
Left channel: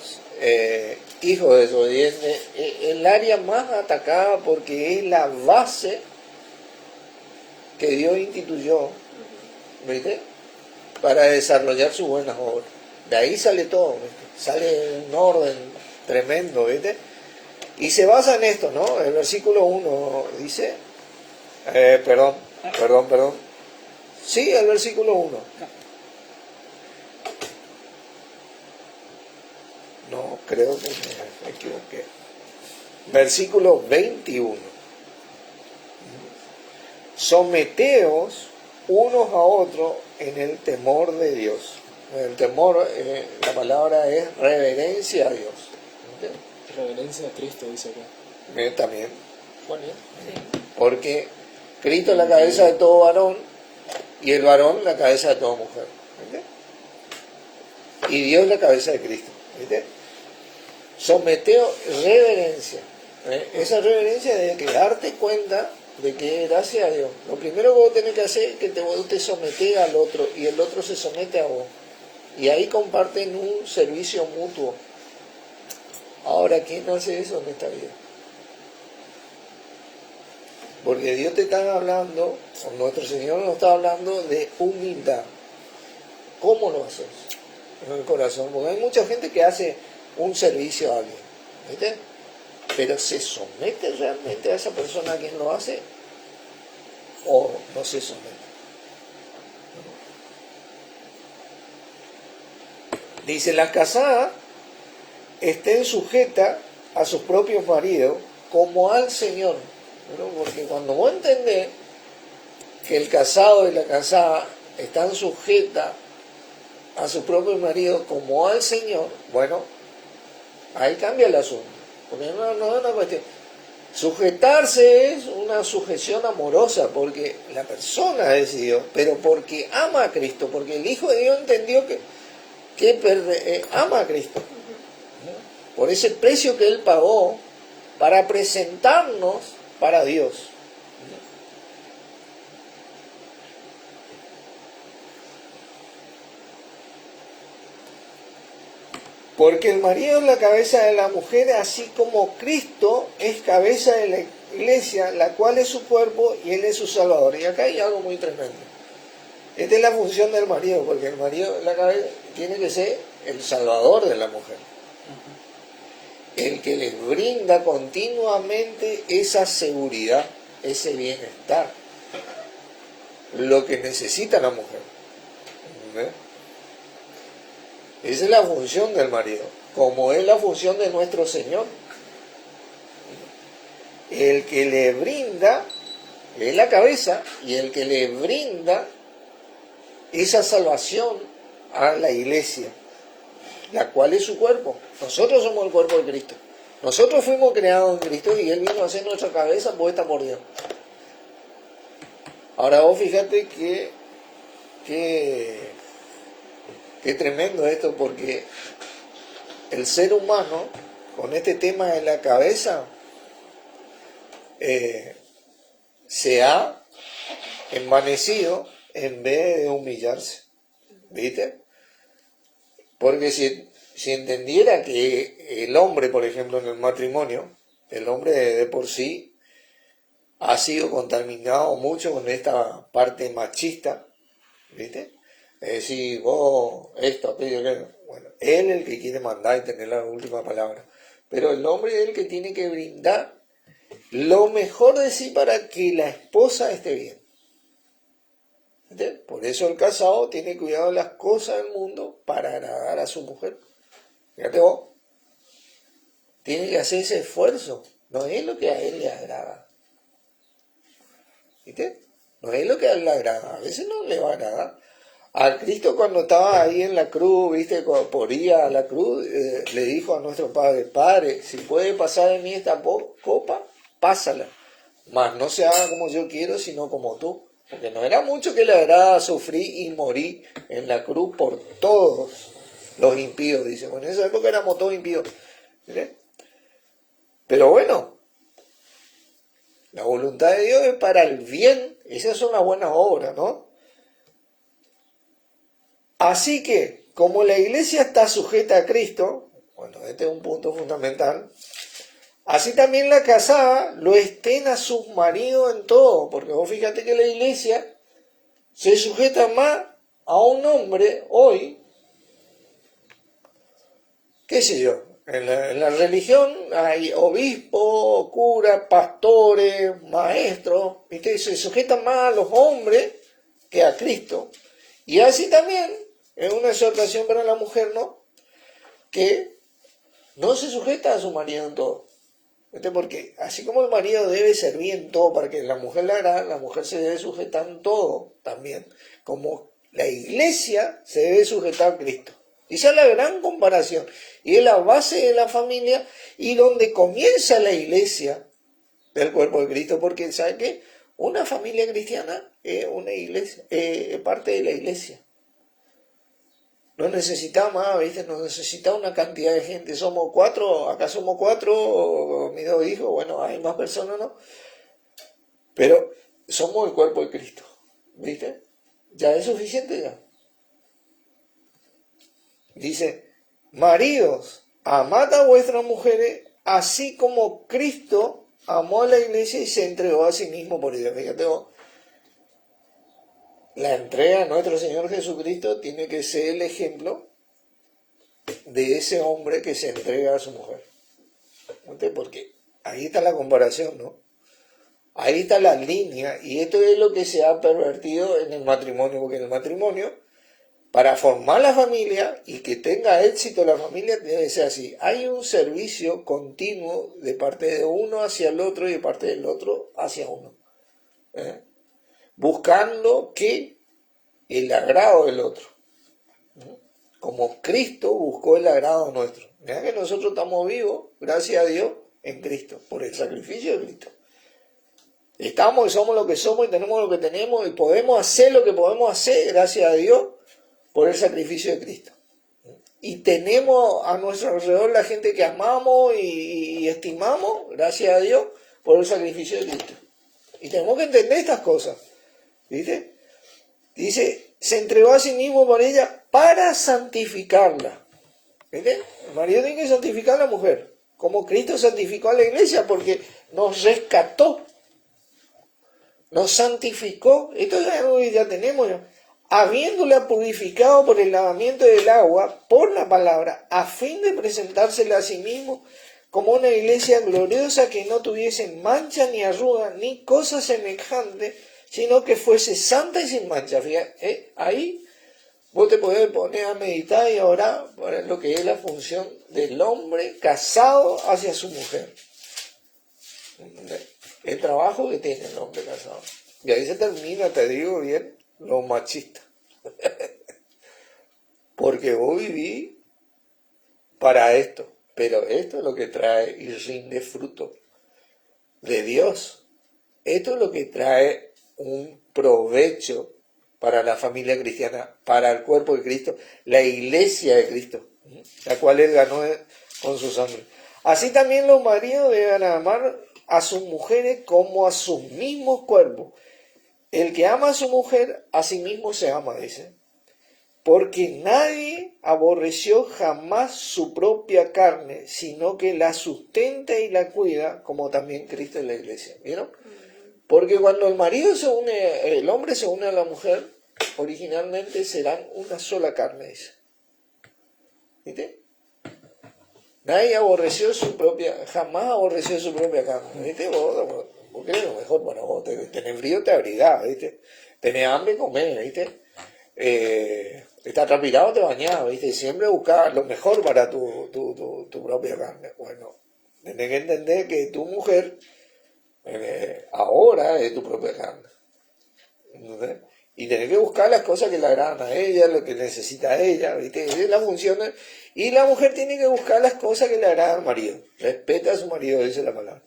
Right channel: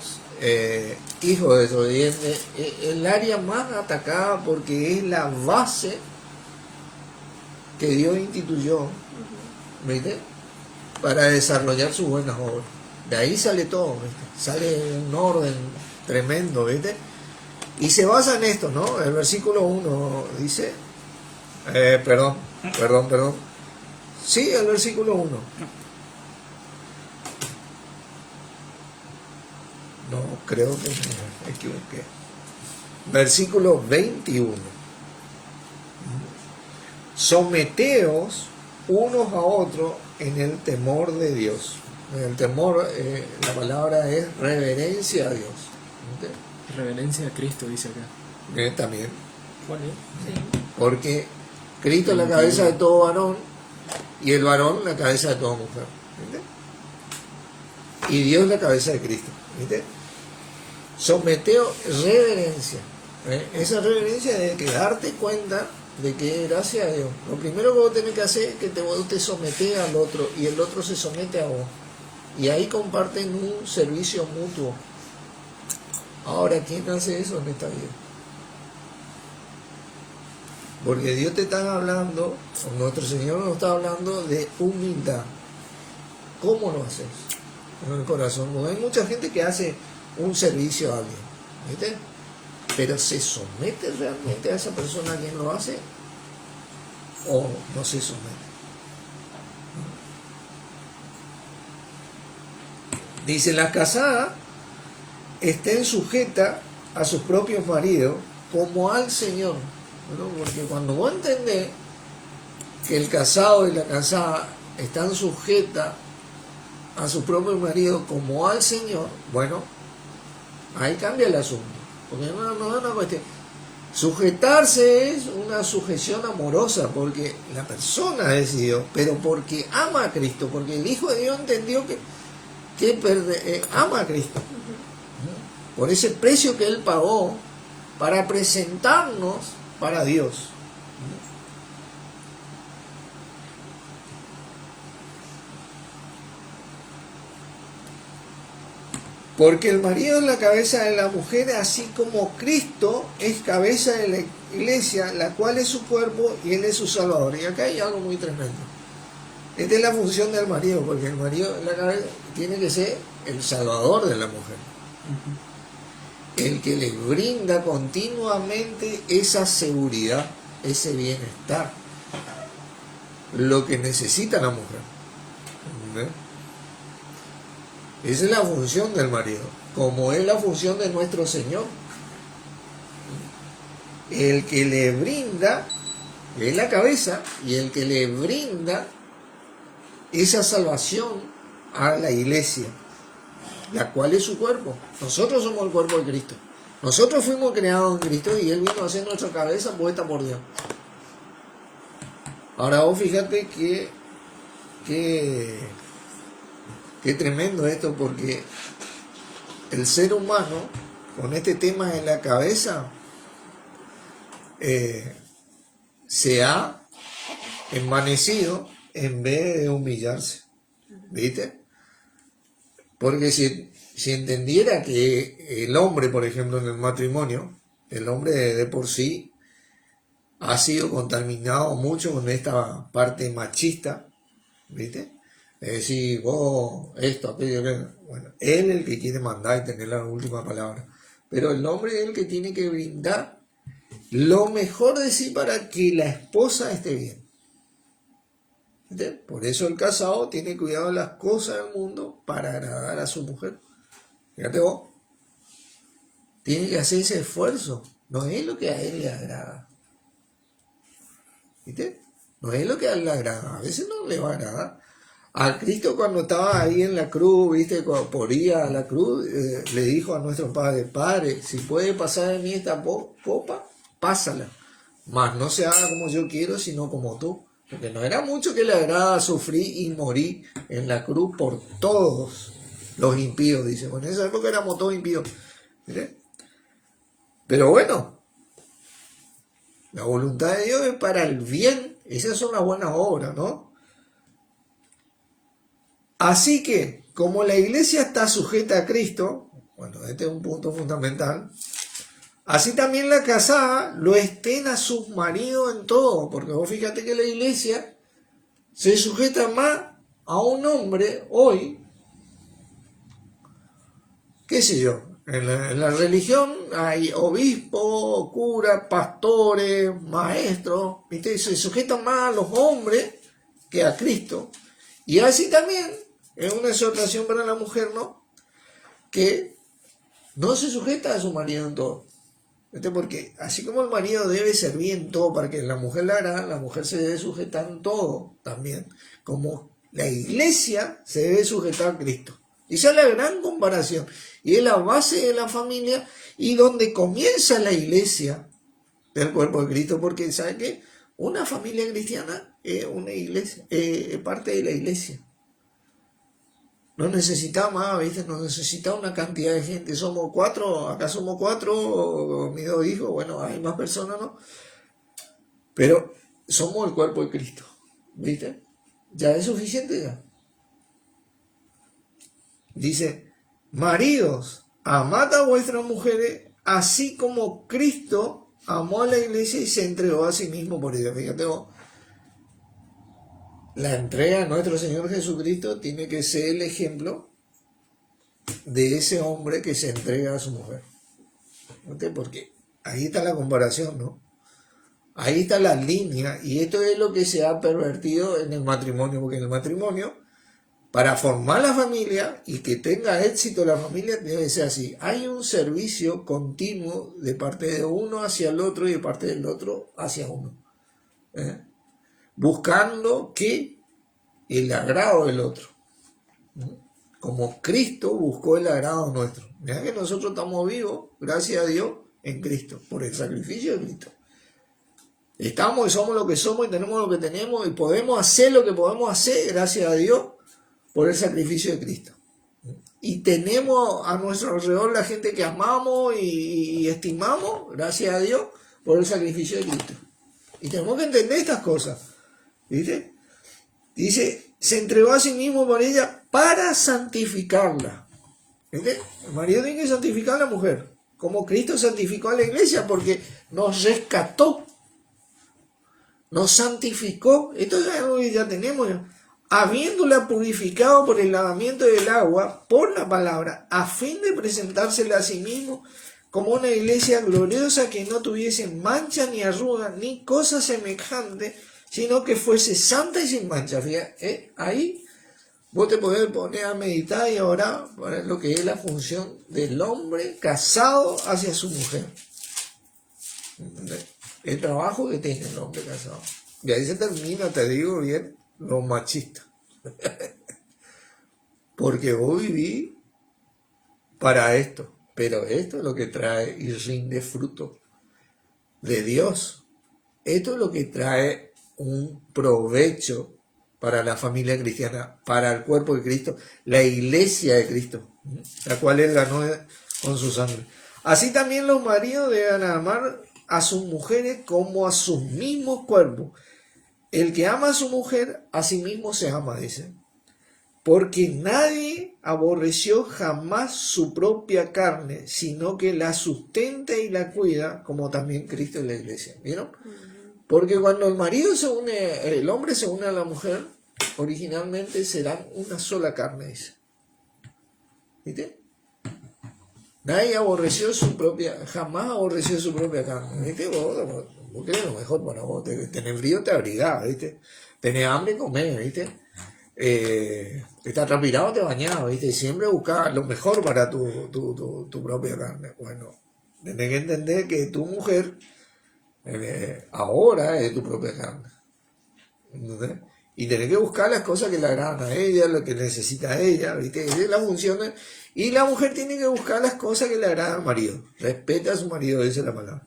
hijos desobedientes. El área más atacada porque es la base que Dios instituyó, ¿viste?, para desarrollar sus buenas obras. De ahí sale todo, ¿viste? Sale un orden tremendo, ¿viste? Y se basa en esto, ¿no? El versículo 1 dice, perdón. Sí, el versículo 1. No, creo que me equivoqué. Versículo 21. Someteos unos a otros en el temor de Dios. El temor, la palabra es reverencia a Dios. ¿Entiendes? Reverencia a Cristo, dice acá. También. Bueno, Sí. Porque Cristo es la cabeza de todo varón y el varón la cabeza de toda mujer. ¿Entiendes? Y Dios la cabeza de Cristo. ¿Viste? Someteo, reverencia. Esa reverencia es de darte cuenta de que gracias a Dios. Lo primero que vos tenés que hacer es que vos te sometés al otro y el otro se somete a vos. Y ahí comparten un servicio mutuo. Ahora, ¿quién hace eso en esta vida? Porque Dios te está hablando, o nuestro Señor nos está hablando de humildad. ¿Cómo lo haces? En el corazón. Porque hay mucha gente que hace un servicio a alguien, ¿viste? Pero ¿se somete realmente a esa persona a quien lo hace? ¿O no se somete? Dice, las casadas estén sujetas a sus propios maridos como al Señor, ¿no? Porque cuando vos entendés que el casado y la casada están sujetas a sus propios maridos como al Señor, bueno, ahí cambia el asunto, porque no es una cuestión. Sujetarse es una sujeción amorosa, porque la persona es Dios, pero porque ama a Cristo, porque el Hijo de Dios entendió que ama a Cristo, por ese precio que Él pagó para presentarnos para Dios. Porque el marido es la cabeza de la mujer, así como Cristo es cabeza de la iglesia, la cual es su cuerpo y Él es su Salvador. Y acá hay algo muy tremendo. Esta es la función del marido, porque el marido la cabeza tiene que ser el salvador de la mujer. El que le brinda continuamente esa seguridad, ese bienestar, lo que necesita la mujer. ¿Entendés? Esa es la función del marido, como es la función de nuestro Señor. El que le brinda es la cabeza y el que le brinda esa salvación a la iglesia, la cual es su cuerpo. Nosotros somos el cuerpo de Cristo. Nosotros fuimos creados en Cristo y Él vino a ser nuestra cabeza puesta por Dios. Ahora vos fíjate que tremendo esto, porque el ser humano, con este tema de la cabeza, se ha envanecido en vez de humillarse. ¿Viste? Porque si entendiera que el hombre, por ejemplo, en el matrimonio, el hombre de por sí ha sido contaminado mucho con esta parte machista, ¿viste? Es decir, vos, esto, aquello, bueno, él es el que quiere mandar y tener la última palabra. Pero el hombre es el que tiene que brindar lo mejor de sí para que la esposa esté bien. ¿Viste? Por eso el casado tiene cuidado de las cosas del mundo para agradar a su mujer. Fíjate vos, tiene que hacer ese esfuerzo. No es lo que a él le agrada. ¿Viste? No es lo que a él le agrada. A veces no le va a agradar. A Cristo cuando estaba ahí en la cruz, ¿viste? Cuando poría a la cruz, le dijo a nuestro Padre, Padre, si puede pasar de mí esta copa, pásala. Mas no se haga como yo quiero, sino como tú. Porque no era mucho que le agrada sufrir y morir en la cruz por todos los impíos, dice. Bueno, en esa época éramos todos impíos. ¿Viste? Pero bueno, la voluntad de Dios es para el bien. Esas son las buenas obras, ¿no? Así que, como la iglesia está sujeta a Cristo, bueno, este es un punto fundamental, así también la casada lo estén a sus maridos en todo, porque vos fíjate que la iglesia se sujeta más a un hombre hoy, qué sé yo, en la religión hay obispos, curas, pastores, maestros, ¿viste? Se sujetan más a los hombres que a Cristo. Y así también es una exhortación para la mujer, ¿no? Que no se sujeta a su marido en todo. Porque así como el marido debe servir en todo para que la mujer la haga, la mujer se debe sujetar en todo también. Como la iglesia se debe sujetar a Cristo. Esa es la gran comparación. Y es la base de la familia y donde comienza la iglesia del cuerpo de Cristo. Porque, ¿sabe qué? Una familia cristiana es una iglesia, es parte de la iglesia. No necesita más, ¿viste? No necesita una cantidad de gente. Somos 4, acá somos 4, mis 2 hijos, bueno, hay más personas, ¿no? Pero somos el cuerpo de Cristo, ¿viste? Ya es suficiente ya. Dice, maridos, amad a vuestras mujeres, así como Cristo amó a la iglesia y se entregó a sí mismo por ella. Fíjate vos. La entrega a nuestro Señor Jesucristo tiene que ser el ejemplo de ese hombre que se entrega a su mujer. Porque ahí está la comparación, ¿no? Ahí está la línea, y esto es lo que se ha pervertido en el matrimonio, porque en el matrimonio Para formar la familia y que tenga éxito la familia debe ser así. Hay un servicio continuo de parte de uno hacia el otro y de parte del otro hacia uno. Buscando que el agrado del otro. Como Cristo buscó el agrado nuestro. Mirá que nosotros estamos vivos, gracias a Dios, en Cristo, por el sacrificio de Cristo. Estamos y somos lo que somos y tenemos lo que tenemos y podemos hacer lo que podemos hacer, gracias a Dios, por el sacrificio de Cristo. Y tenemos a nuestro alrededor la gente que amamos y estimamos, gracias a Dios, por el sacrificio de Cristo. Y tenemos que entender estas cosas. ¿Viste? Dice, se entregó a sí mismo por ella para santificarla. ¿Viste? El marido tiene que santificar a la mujer, como Cristo santificó a la iglesia, porque nos rescató, nos santificó. Esto ya tenemos ya. Habiéndola purificado por el lavamiento del agua, por la palabra, a fin de presentársela a sí mismo como una iglesia gloriosa que no tuviese mancha ni arruga ni cosa semejante, sino que fuese santa y sin mancha. Fíjate, ahí vos te podés poner a meditar y a orar para lo que es la función del hombre casado hacia su mujer. El trabajo que tiene el hombre casado. Y ahí se termina, te digo bien, lo machista. Porque vos vivís para esto, pero esto es lo que trae y rinde fruto de Dios. Esto es lo que trae un provecho para la familia cristiana, para el cuerpo de Cristo, la iglesia de Cristo, la cual Él ganó con su sangre. Así también los maridos deben amar a sus mujeres como a sus mismos cuerpos. El que ama a su mujer, a sí mismo se ama, dice. Porque nadie aborreció jamás su propia carne, sino que la sustenta y la cuida, como también Cristo en la iglesia. ¿Vieron? Porque cuando el marido se une, el hombre se une a la mujer, originalmente serán una sola carne, dice. ¿Viste? Nadie aborreció su propia, jamás aborreció su propia carne. ¿Viste? Vos querés lo mejor para vos. Tenés frío, te abrigás, ¿viste? Tenés hambre, comés, ¿viste? Estás transpirado, te bañás, ¿viste? Y siempre buscás lo mejor para tu propia carne. Bueno, tenés que entender que tu mujer ahora es tu propia carne. ¿Entendés? Y tenés que buscar las cosas que le agradan a ella, lo que necesita ella, ¿viste? Es la función. Y la mujer tiene que buscar las cosas que le agradan al marido. Respeta a su marido, dice la palabra.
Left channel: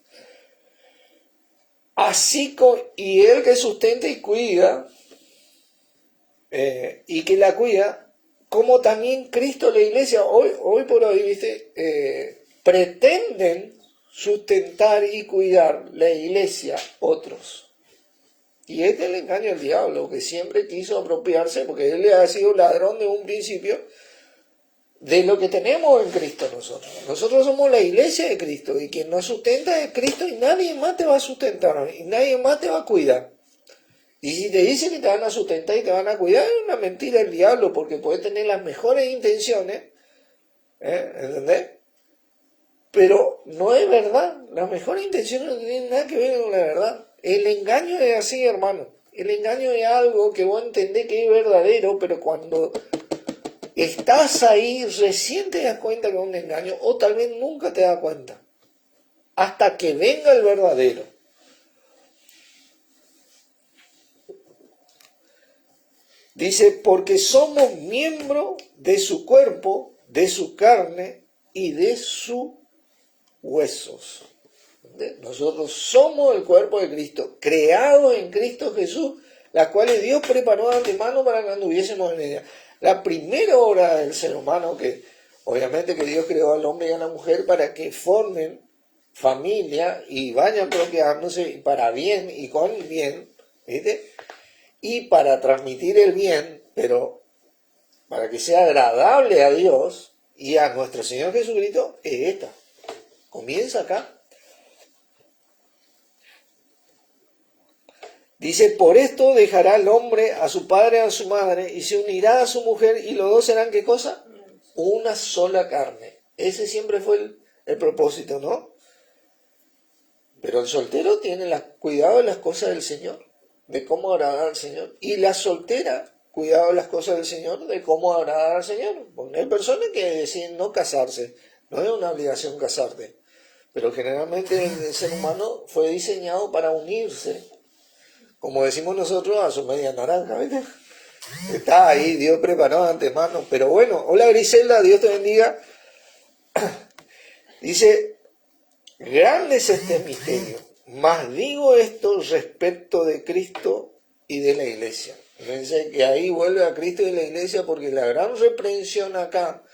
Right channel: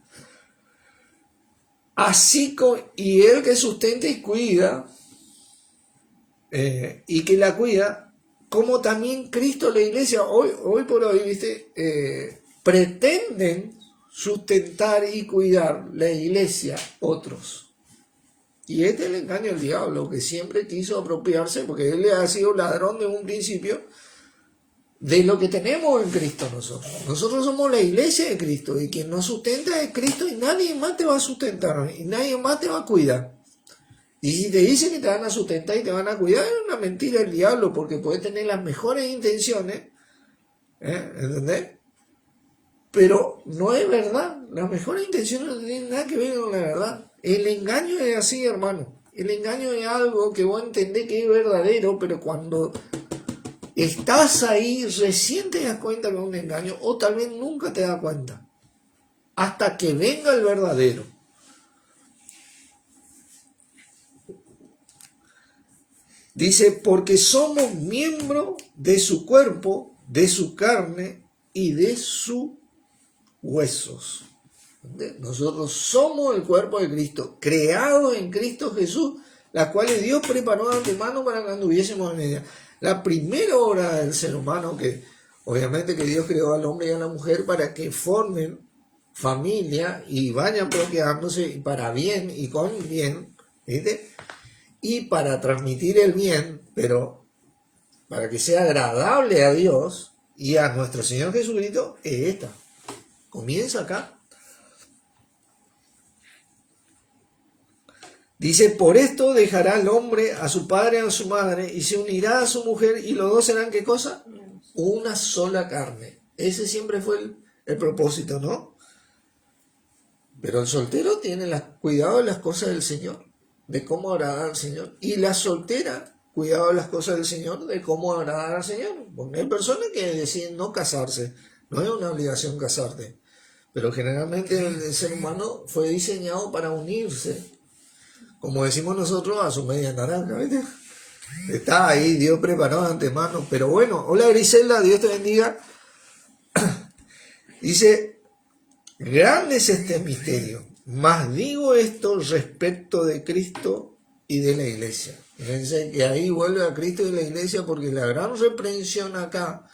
Así y él que sustenta y cuida, y que la cuida, como también Cristo, la iglesia, hoy por hoy, ¿viste? Pretenden sustentar y cuidar la iglesia otros. Y este es el engaño del diablo, que siempre quiso apropiarse, porque él ha sido ladrón de un principio, de lo que tenemos en Cristo nosotros. Nosotros somos la iglesia de Cristo, y quien nos sustenta es Cristo, y nadie más te va a sustentar, y nadie más te va a cuidar. Y si te dicen que te van a sustentar y te van a cuidar, es una mentira del diablo, porque puede tener las mejores intenciones, ¿entendés? Pero no es verdad, las mejores intenciones no tienen nada que ver con la verdad. El engaño es así, hermano. El engaño es algo que vos entendés que es verdadero, pero cuando estás ahí recién te das cuenta que es un engaño, o tal vez nunca te das cuenta, hasta que venga el verdadero. Dice, porque somos miembros de su cuerpo, de su carne y de sus huesos. Nosotros somos el cuerpo de Cristo, creados en Cristo Jesús, la cual Dios preparó de antemano para que anduviésemos en ella. La primera obra del ser humano, que obviamente que Dios creó al hombre y a la mujer para que formen familia y vayan procreándose para bien y con bien, ¿viste? Y para transmitir el bien, pero para que sea agradable a Dios y a nuestro Señor Jesucristo, es esta. Comienza acá. Dice, por esto dejará el hombre a su padre y a su madre y se unirá a su mujer y los dos serán, ¿qué cosa? Una sola carne. Ese siempre fue el propósito, ¿no? Pero el soltero tiene cuidado de las cosas del Señor, de cómo agradar al Señor. Y la soltera cuidado de las cosas del Señor, de cómo agradar al Señor. Porque hay personas que deciden no casarse, no es una obligación casarte, pero generalmente el ser humano fue diseñado para unirse, como decimos nosotros, a su media naranja, ¿viste? Está ahí, Dios preparó de antemano. Pero bueno, hola Griselda, Dios te bendiga. Dice, grande es este misterio, mas digo esto respecto de Cristo y de la iglesia. Dice que ahí vuelve a Cristo y la iglesia, porque la gran reprensión acá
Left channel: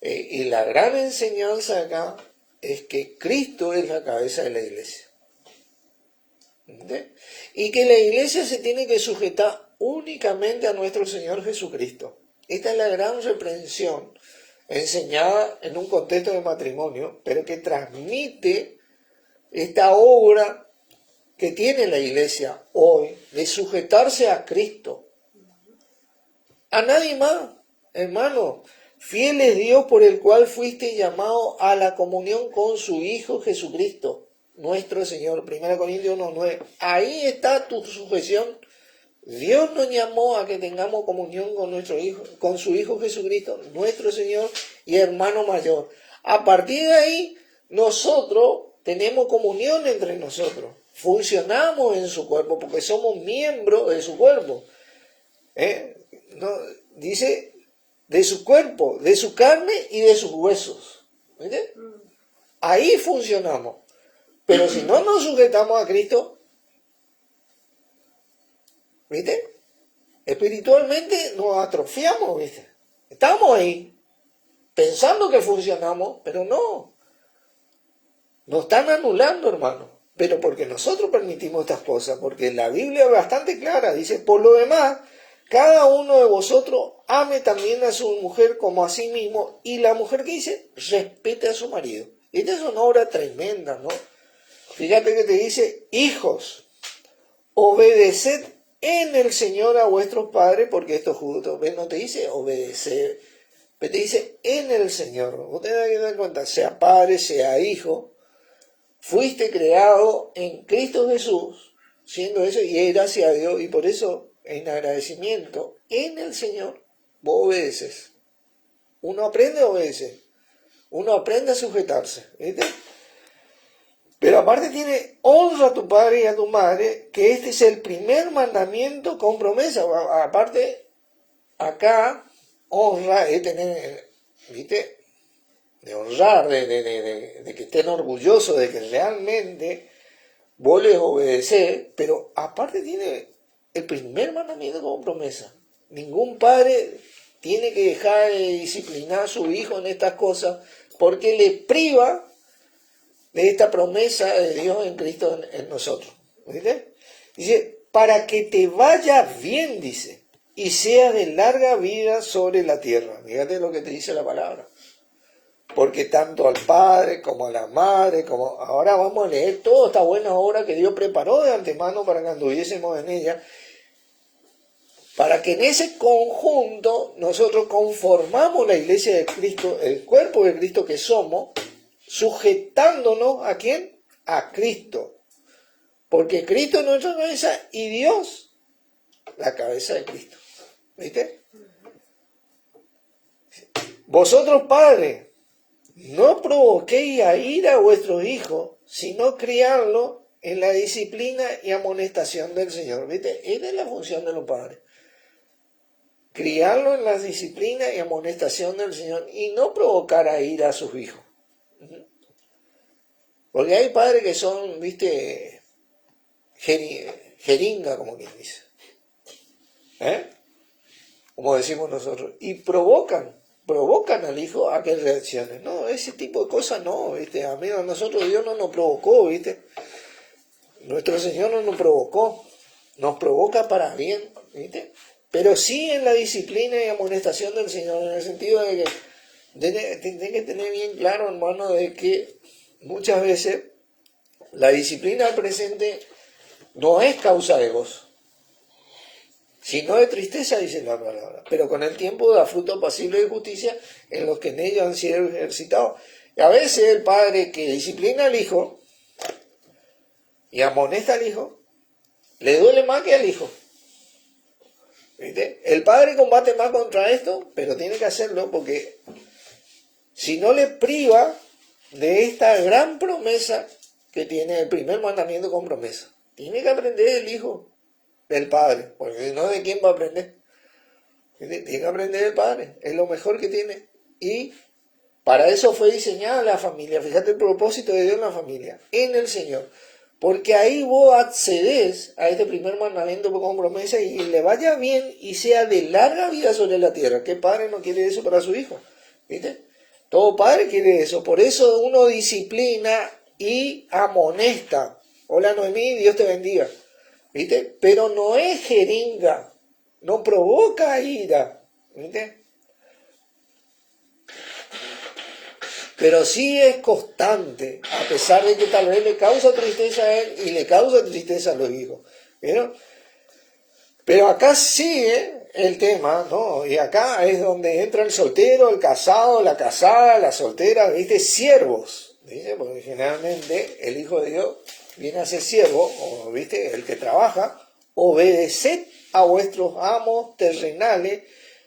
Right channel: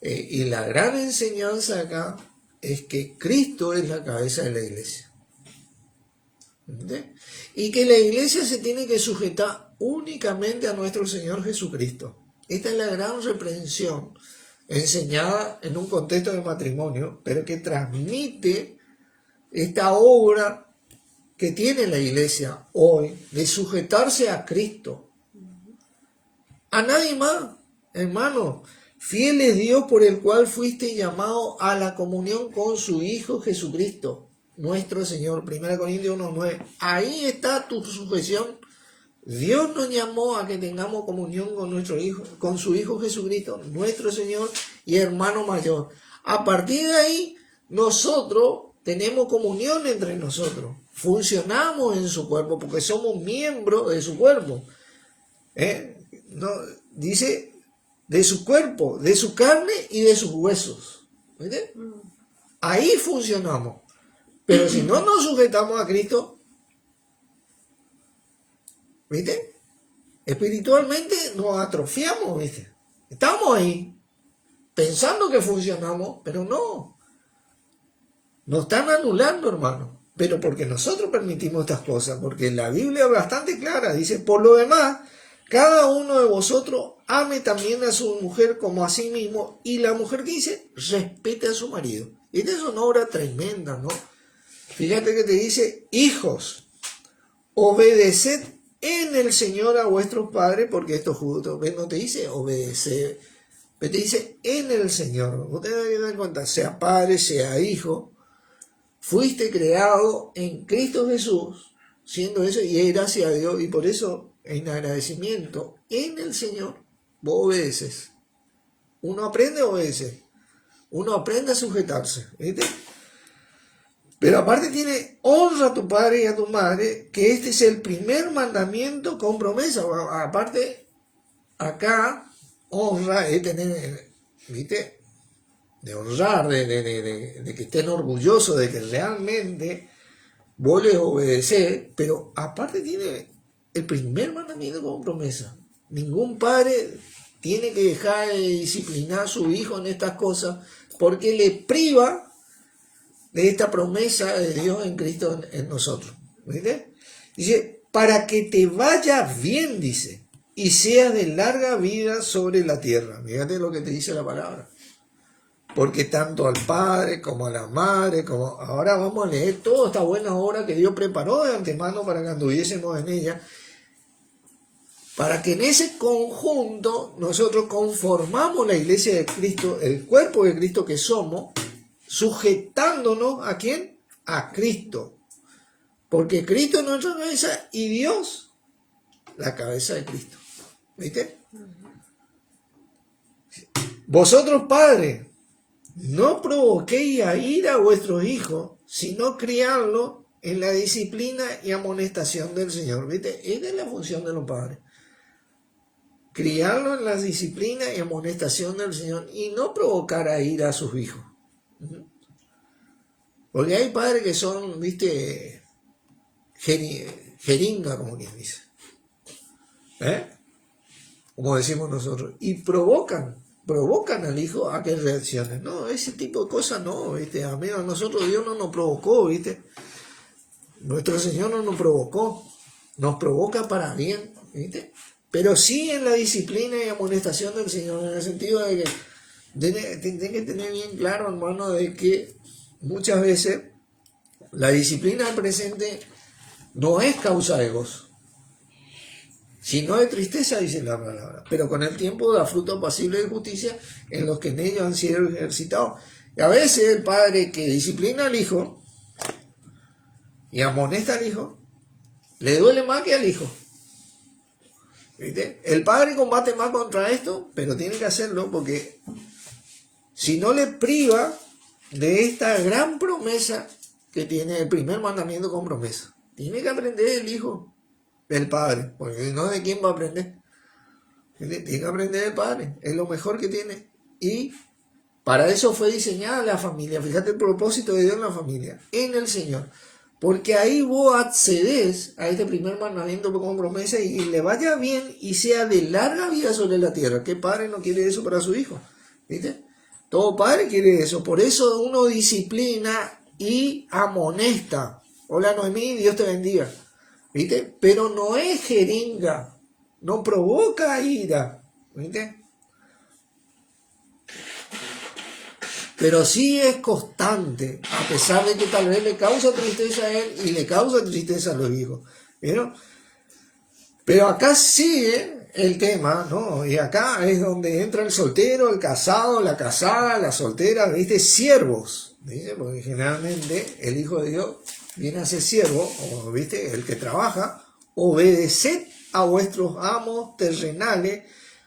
y la gran enseñanza acá es que Cristo es la cabeza de la iglesia. ¿Entendés? Y que la iglesia se tiene que sujetar únicamente a nuestro Señor Jesucristo. Esta es la gran reprensión enseñada en un contexto de matrimonio, pero que transmite esta obra que tiene la iglesia hoy de sujetarse a Cristo, a nadie más, hermano. Fiel es Dios por el cual fuiste llamado a la comunión con su Hijo Jesucristo, nuestro Señor. 1 Corintios 1:9. Ahí está tu sujeción. Dios nos llamó a que tengamos comunión con nuestro Hijo, con su Hijo Jesucristo, nuestro Señor y hermano mayor. A partir de ahí, nosotros tenemos comunión entre nosotros. Funcionamos en su cuerpo porque somos miembros de su cuerpo. No, dice de su cuerpo, de su carne y de sus huesos. ¿Viste? Ahí funcionamos. Pero si no nos sujetamos a Cristo, ¿viste? Espiritualmente nos atrofiamos, ¿viste? Estamos ahí, pensando que funcionamos, pero no. Nos están anulando, hermano. Pero porque nosotros permitimos estas cosas, porque la Biblia es bastante clara, dice, por lo demás, cada uno de vosotros ame también a su mujer como a sí mismo, y la mujer que dice, respete a su marido. Esta es una obra tremenda, ¿no? Fíjate que te dice, hijos, obedeced en el Señor a vuestros padres, porque esto justo, no te dice obedecer, pero te dice en el Señor. Vos tenés que dar cuenta, sea padre, sea hijo, fuiste creado en Cristo Jesús, siendo eso, y es gracias a Dios, y por eso, en agradecimiento, en el Señor, vos obedeces. Uno aprende a obedecer, uno aprende a sujetarse, ¿viste? Pero aparte tiene, honra a tu padre y a tu madre, que este es el primer mandamiento con promesa. Aparte, acá, honra es tener, ¿viste? De honrar, de que estén orgullosos, de que realmente vos les obedecés, pero aparte tiene el primer mandamiento con promesa. Ningún padre tiene que dejar de disciplinar a su hijo en estas cosas, porque le priva de esta promesa de Dios en Cristo en nosotros. ¿Viste? Dice, para que te vaya bien, dice, y seas de larga vida sobre la tierra. Fíjate lo que te dice la palabra. Porque tanto al padre como a la madre, como ahora vamos a leer toda esta buena obra que Dios preparó de antemano para que anduviésemos en ella, para que en ese conjunto nosotros conformamos la iglesia de Cristo, el cuerpo de Cristo que somos, sujetándonos ¿a quién? A Cristo. Porque Cristo es nuestra cabeza y Dios la cabeza de Cristo. ¿Viste? Vosotros, padres, no provoquéis a ira a vuestros hijos, sino criarlos en la disciplina y amonestación del Señor. ¿Viste? Esta es la función de los padres. Criarlos en la disciplina y amonestación del Señor y no provocar a ira a sus hijos. Porque hay padres que son, ¿viste? Jeringa, como quien dice. Como decimos nosotros. Y provocan al hijo a que reaccione. No, ese tipo de cosas no, ¿viste? A nosotros Dios no nos provocó, ¿viste? Nuestro Señor no nos provocó. Nos provoca para bien, ¿viste? Pero sí en la disciplina y amonestación del Señor, en el sentido de que tiene que tener bien claro, hermano, de que muchas veces la disciplina del presente no es causa de gozo, sino de tristeza, dice la palabra. Pero con el tiempo da fruto pasible de justicia en los que en ellos han sido ejercitados. Y a veces el padre que disciplina al hijo y amonesta al hijo, le duele más que al hijo. ¿Viste? El padre combate más contra esto, pero tiene que hacerlo porque si no le priva de esta gran promesa que tiene el primer mandamiento con promesa. Tiene que aprender el hijo del padre, porque si no, ¿de quién va a aprender? Tiene que aprender el padre, es lo mejor que tiene. Y para eso fue diseñada la familia. Fíjate el propósito de Dios en la familia, en el Señor. Porque ahí vos accedes a este primer mandamiento con promesa y le vaya bien y sea de larga vida sobre la tierra. ¿Qué padre no quiere eso para su hijo? ¿Viste? Todo padre quiere eso. Por eso uno disciplina y amonesta. Hola Noemí, Dios te bendiga. ¿Viste? Pero no es jeringa. No provoca ira. ¿Viste? Pero sí es constante, a pesar de que tal vez le causa tristeza a él y le causa tristeza a los hijos. ¿Vieron? Pero acá sigue el tema, ¿no? Y acá es donde entra el soltero, el casado, la casada, la soltera, ¿viste? Siervos, ¿viste? Porque generalmente el Hijo de Dios viene a ser siervo, o, ¿viste? El que trabaja. Obedeced a vuestros amos terrenales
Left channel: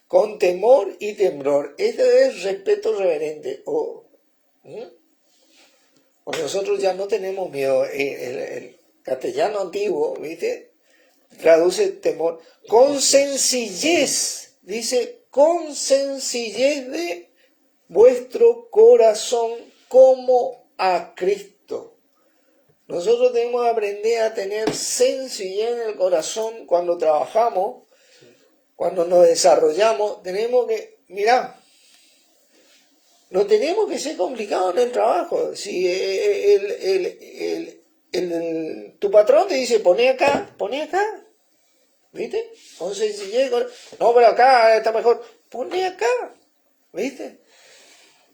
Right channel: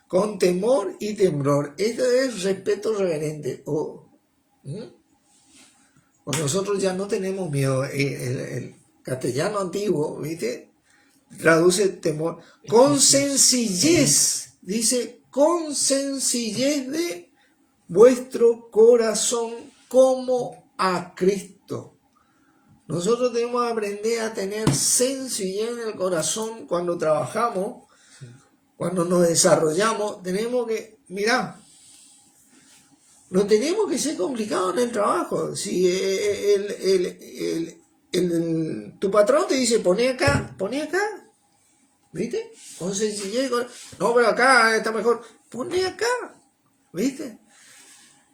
con temor y temblor. Este es respeto reverente. Pues nosotros ya no tenemos miedo. El castellano antiguo, ¿viste? Traduce temor. Con sencillez, dice, con sencillez de vuestro corazón como a Cristo. Nosotros tenemos que aprender a tener sencillez en el corazón cuando trabajamos, cuando nos desarrollamos. Tenemos que, mirá, no tenemos que ser complicados en el trabajo. Si tu patrón te dice, poné acá, ¿viste? Entonces, si llega, no, pero acá está mejor, poné acá, ¿viste?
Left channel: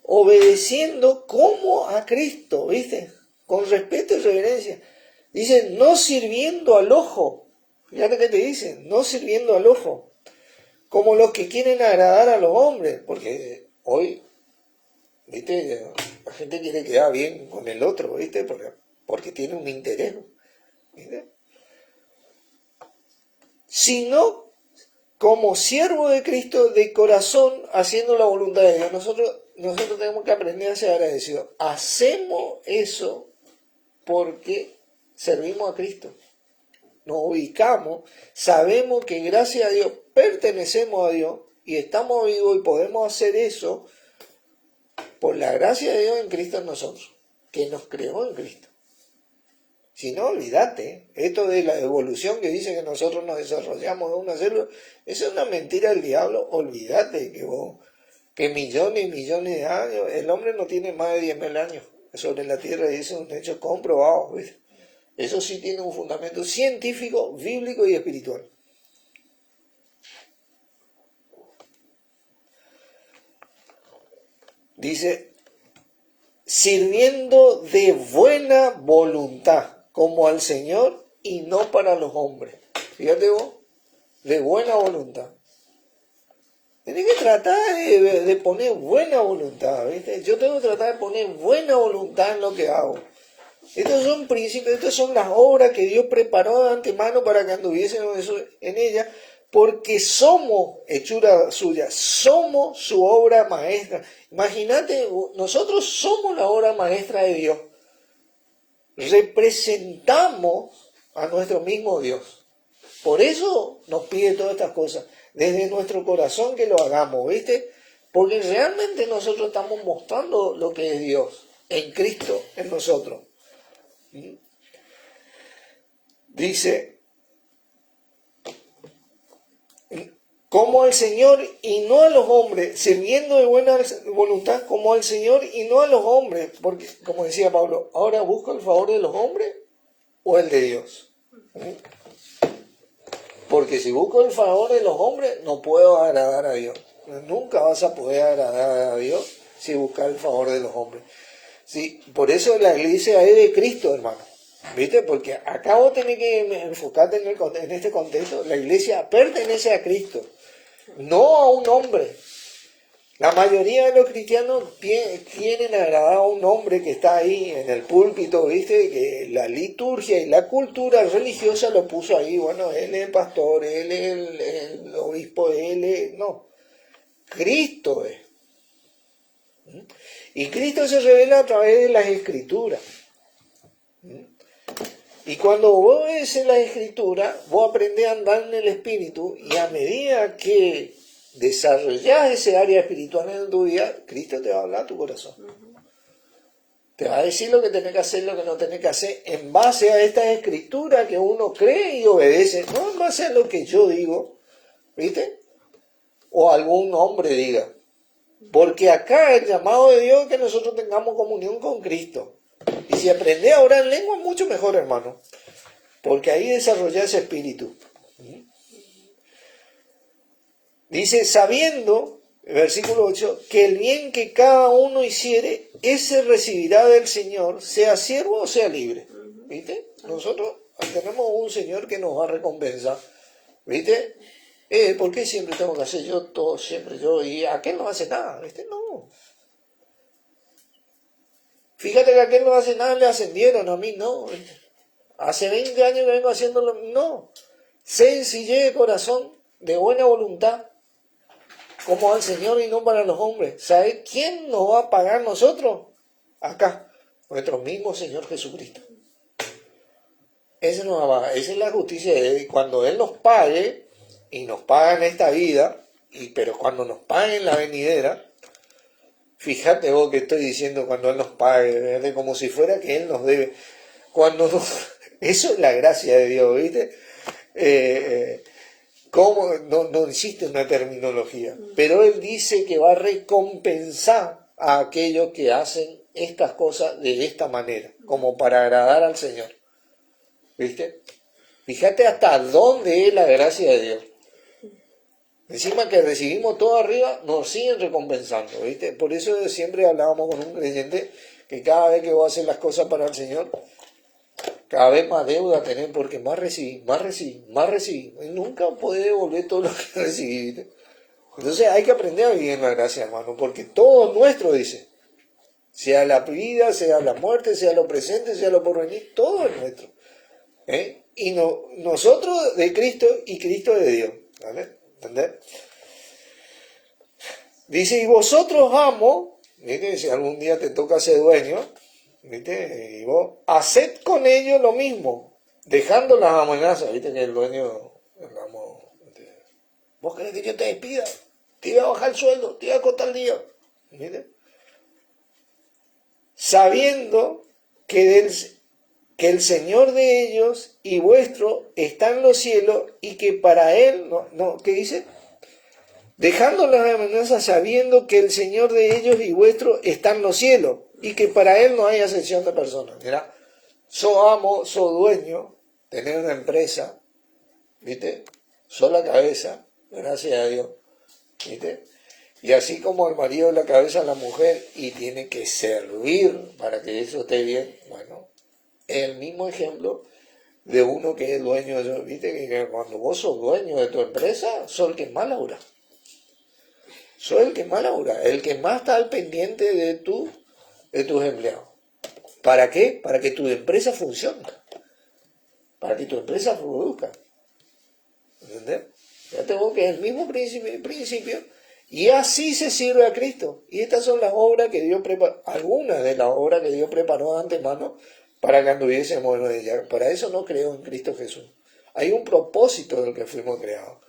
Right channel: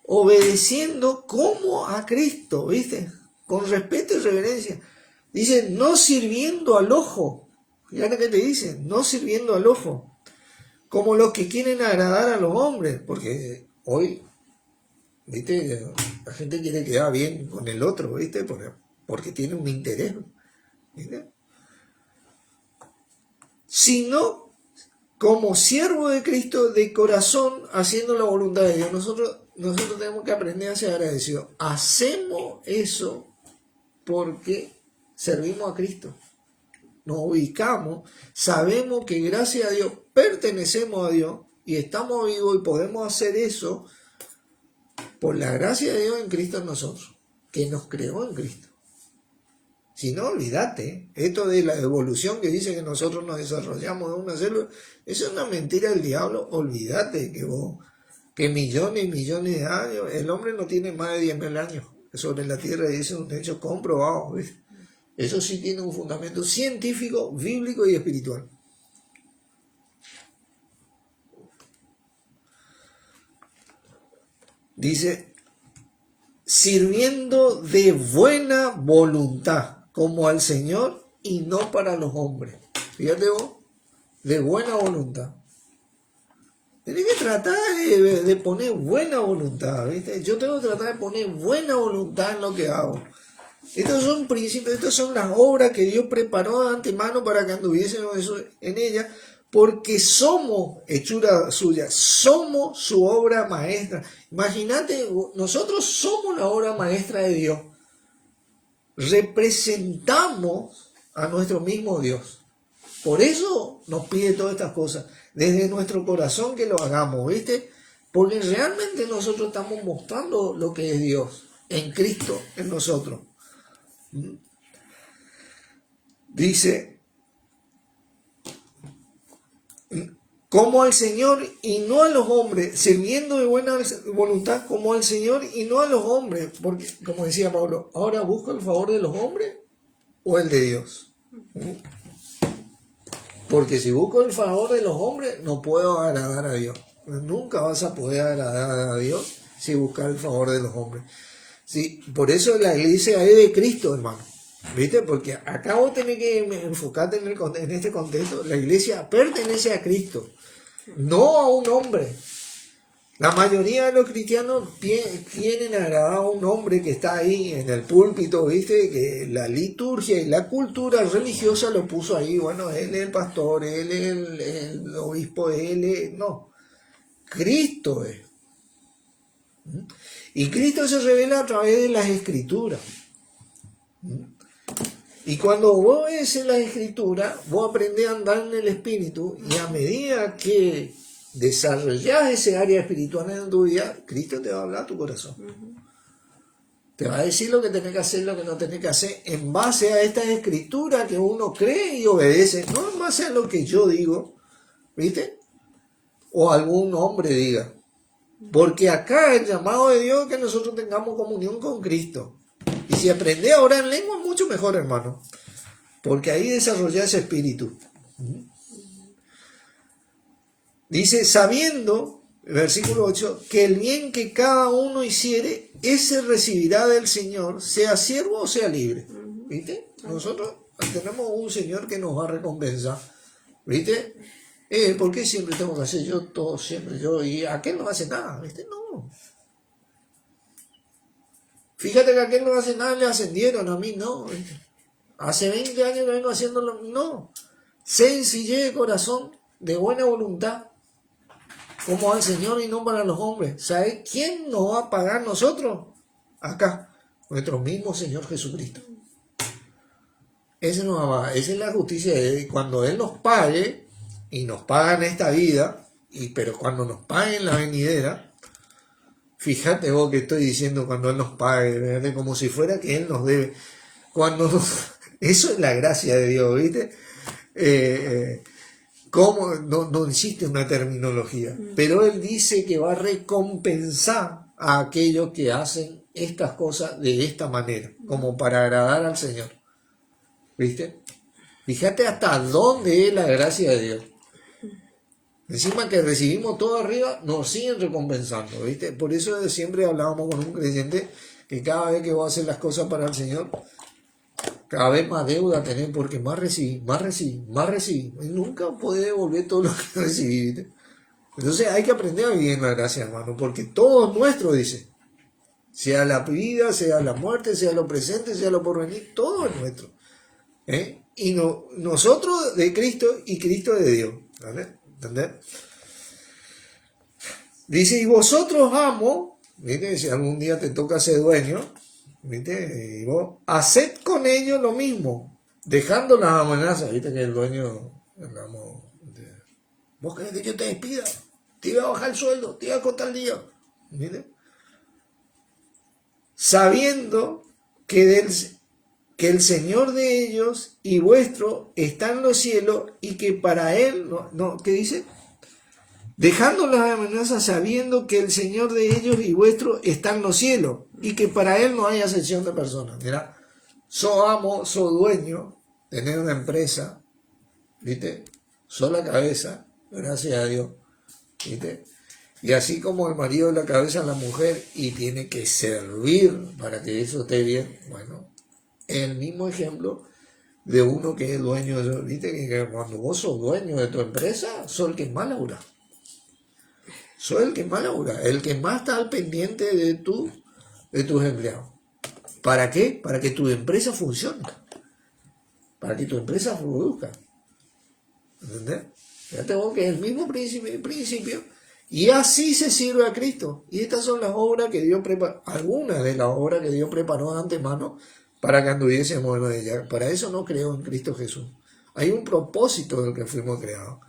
Obedeciendo como a Cristo, ¿viste? Con respeto y reverencia. Dice, no sirviendo al ojo. Fíjate que te dice, no sirviendo al ojo. Como los que quieren agradar a los hombres, porque hoy, ¿viste? La gente quiere quedar bien con el otro, ¿viste? Porque tiene un interés, ¿viste? Sino como siervo de Cristo de corazón, haciendo la voluntad de Dios. Nosotros tenemos que aprender a ser agradecidos. Hacemos eso porque servimos a Cristo. Nos ubicamos, sabemos que gracias a Dios pertenecemos a Dios y estamos vivos y podemos hacer eso por la gracia de Dios en Cristo en nosotros, que nos creó en Cristo. Si no, olvídate, esto de la evolución que dice que nosotros nos desarrollamos de una célula, eso es una mentira del diablo. Olvídate que millones y millones de años, el hombre no tiene más de 10.000 años sobre la tierra, y eso es un hecho comprobado, ¿ves? Eso sí tiene un fundamento científico, bíblico y espiritual. Dice, sirviendo de buena voluntad, como al Señor y no para los hombres. Fíjate vos, de buena voluntad. Tienes que tratar de poner buena voluntad, ¿viste? Yo tengo que tratar de poner buena voluntad en lo que hago. Estos son principios, estas son las obras que Dios preparó de antemano para que anduviésemos en ellas, porque somos hechura suya, somos su obra maestra. Imagínate, nosotros somos la obra maestra de Dios. Representamos a nuestro mismo Dios. Por eso nos pide todas estas cosas, desde nuestro corazón que lo hagamos, ¿viste? Porque realmente nosotros estamos mostrando lo que es Dios, en Cristo, en nosotros. Dice, como al Señor y no a los hombres, sirviendo de buena voluntad como al Señor y no a los hombres, porque como decía Pablo, ahora busco el favor de los hombres o el de Dios. Porque si busco el favor de los hombres, no puedo agradar a Dios. Nunca vas a poder agradar a Dios si buscas el favor de los hombres. Sí, por eso la iglesia es de Cristo, hermano. ¿Viste? Porque acá vos tenés que enfocarte en este contexto. La iglesia pertenece a Cristo, no a un hombre. La mayoría de los cristianos quieren agradar a un hombre que está ahí en el púlpito, ¿viste? Que la liturgia y la cultura religiosa lo puso ahí. Bueno, él es el pastor, él es el obispo, él es... No, Cristo es. Y Cristo se revela a través de las Escrituras. Y cuando vos ves las Escrituras, vos aprendés a andar en el Espíritu, y a medida que desarrollás ese área espiritual en tu vida, Cristo te va a hablar a tu corazón. Te va a decir lo que tenés que hacer, lo que no tenés que hacer, en base a esta Escritura que uno cree y obedece, no en base a lo que yo digo, ¿viste? O algún hombre diga. Porque acá el llamado de Dios es que nosotros tengamos comunión con Cristo. Y si aprendés a orar en lengua, mucho mejor, hermano. Porque ahí desarrolla ese espíritu. Dice, sabiendo, versículo 8, que el bien que cada uno hiciere, ese recibirá del Señor, sea siervo o sea libre. ¿Viste? Nosotros tenemos un Señor que nos va a recompensar. ¿Viste? ¿Por qué siempre tengo que hacer yo todo, siempre yo? Y aquel no hace nada, ¿viste? No. Fíjate que aquel no hace nada, le ascendieron, a mí no. ¿Viste? Hace 20 años que vengo haciéndolo, no. Sencillez de corazón, de buena voluntad, como al Señor y no para los hombres. ¿Sabe quién nos va a pagar nosotros? Acá, nuestro mismo Señor Jesucristo. Esa es la justicia de Él. Cuando Él nos pague, y nos paga en esta vida, pero cuando nos pague en la venidera, fíjate vos que estoy diciendo cuando Él nos pague, ¿verdad? Como si fuera que Él nos debe. Eso es la gracia de Dios, ¿viste? ¿Cómo? No existe una terminología, pero Él dice que va a recompensar a aquellos que hacen estas cosas de esta manera, como para agradar al Señor. ¿Viste? Fíjate hasta dónde es la gracia de Dios. Encima que recibimos todo arriba, nos siguen recompensando, ¿viste? Por eso siempre hablábamos con un creyente que cada vez que vos haces las cosas para el Señor, cada vez más deuda tenés, porque más recibí. Y nunca podés devolver todo lo que recibí, ¿viste? Entonces hay que aprender a vivir en la gracia, hermano, porque todo es nuestro, dice. Sea la vida, sea la muerte, sea lo presente, sea lo porvenir, todo es nuestro. Y nosotros de Cristo y Cristo de Dios. ¿Vale? ¿Entendés? Dice, y vosotros amo, ¿viste? Si algún día te toca ser dueño, ¿viste? Y vos, haced con ellos lo mismo, dejando las amenazas, ¿viste? Que el dueño, vos querés que yo te despida, te iba a bajar el sueldo, te iba a cortar el día, ¿viste? Sabiendo que el Señor de ellos y vuestro está en los cielos y que para Él, ¿qué dice? Dejando las amenazas sabiendo que el Señor de ellos y vuestro está en los cielos y que para Él no hay acepción de personas. Mira, sos amo, sos dueño, tenés una empresa, ¿viste? Sos la cabeza, gracias a Dios, ¿viste? Y así como el marido es la cabeza de la mujer y tiene que servir para que eso esté bien, bueno, el mismo ejemplo de uno que es dueño, ¿viste? Que cuando vos sos dueño de tu empresa, sos el que más labura. Sos el que más labura, el que más está al pendiente de tus empleados. ¿Para qué? Para que tu empresa funcione. Para que tu empresa produzca. ¿Entendés? Fíjate vos que es el mismo principio. Y así se sirve a Cristo. Y estas son las obras que Dios preparó, algunas de las obras que Dios preparó de antemano para que anduviésemos en ella. Para eso no creo en Cristo Jesús. Hay un propósito del que fuimos creados.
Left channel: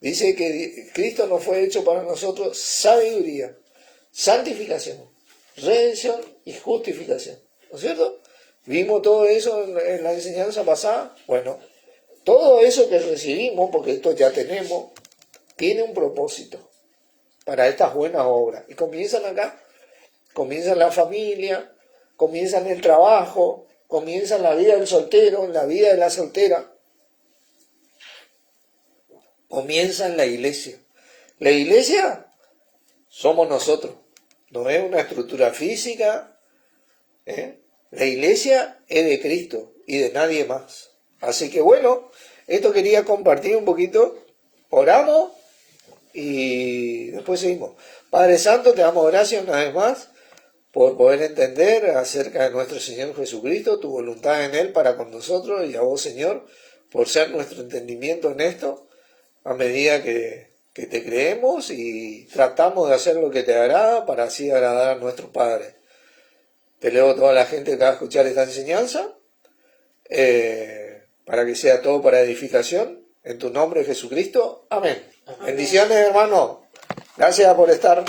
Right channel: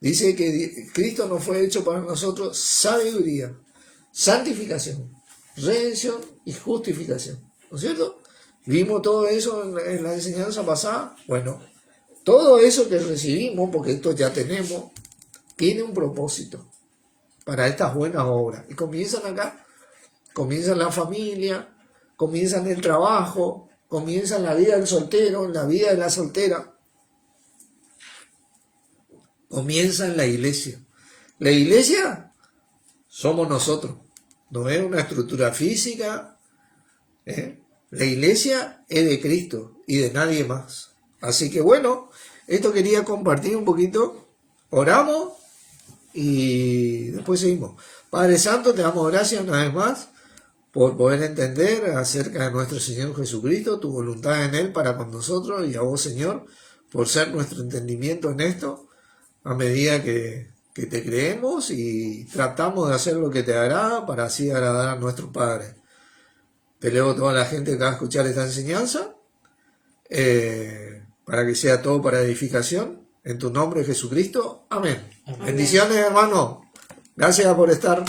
Dice que Cristo nos fue hecho para nosotros sabiduría, santificación, redención y justificación. ¿No es cierto? Vimos todo eso en la enseñanza pasada. Bueno, todo eso que recibimos, porque esto ya tenemos, tiene un propósito para estas buenas obras. Y comienzan acá, comienzan la familia, comienzan el trabajo, comienzan la vida del soltero, la vida de la soltera. Comienza en la iglesia. La iglesia somos nosotros. No es una estructura física. La iglesia es de Cristo y de nadie más. Así que bueno, esto quería compartir un poquito. Oramos y después seguimos. Padre Santo, te damos gracias una vez más por poder entender acerca de nuestro Señor Jesucristo, tu voluntad en Él para con nosotros, y a vos, Señor, por ser nuestro entendimiento en esto, a medida que te creemos y tratamos de hacer lo que te agrada para así agradar a nuestro Padre. Te leo a toda la gente que va a escuchar esta enseñanza, para que sea todo para edificación. En tu nombre, Jesucristo. Amén. Bendiciones, hermano. Gracias por estar.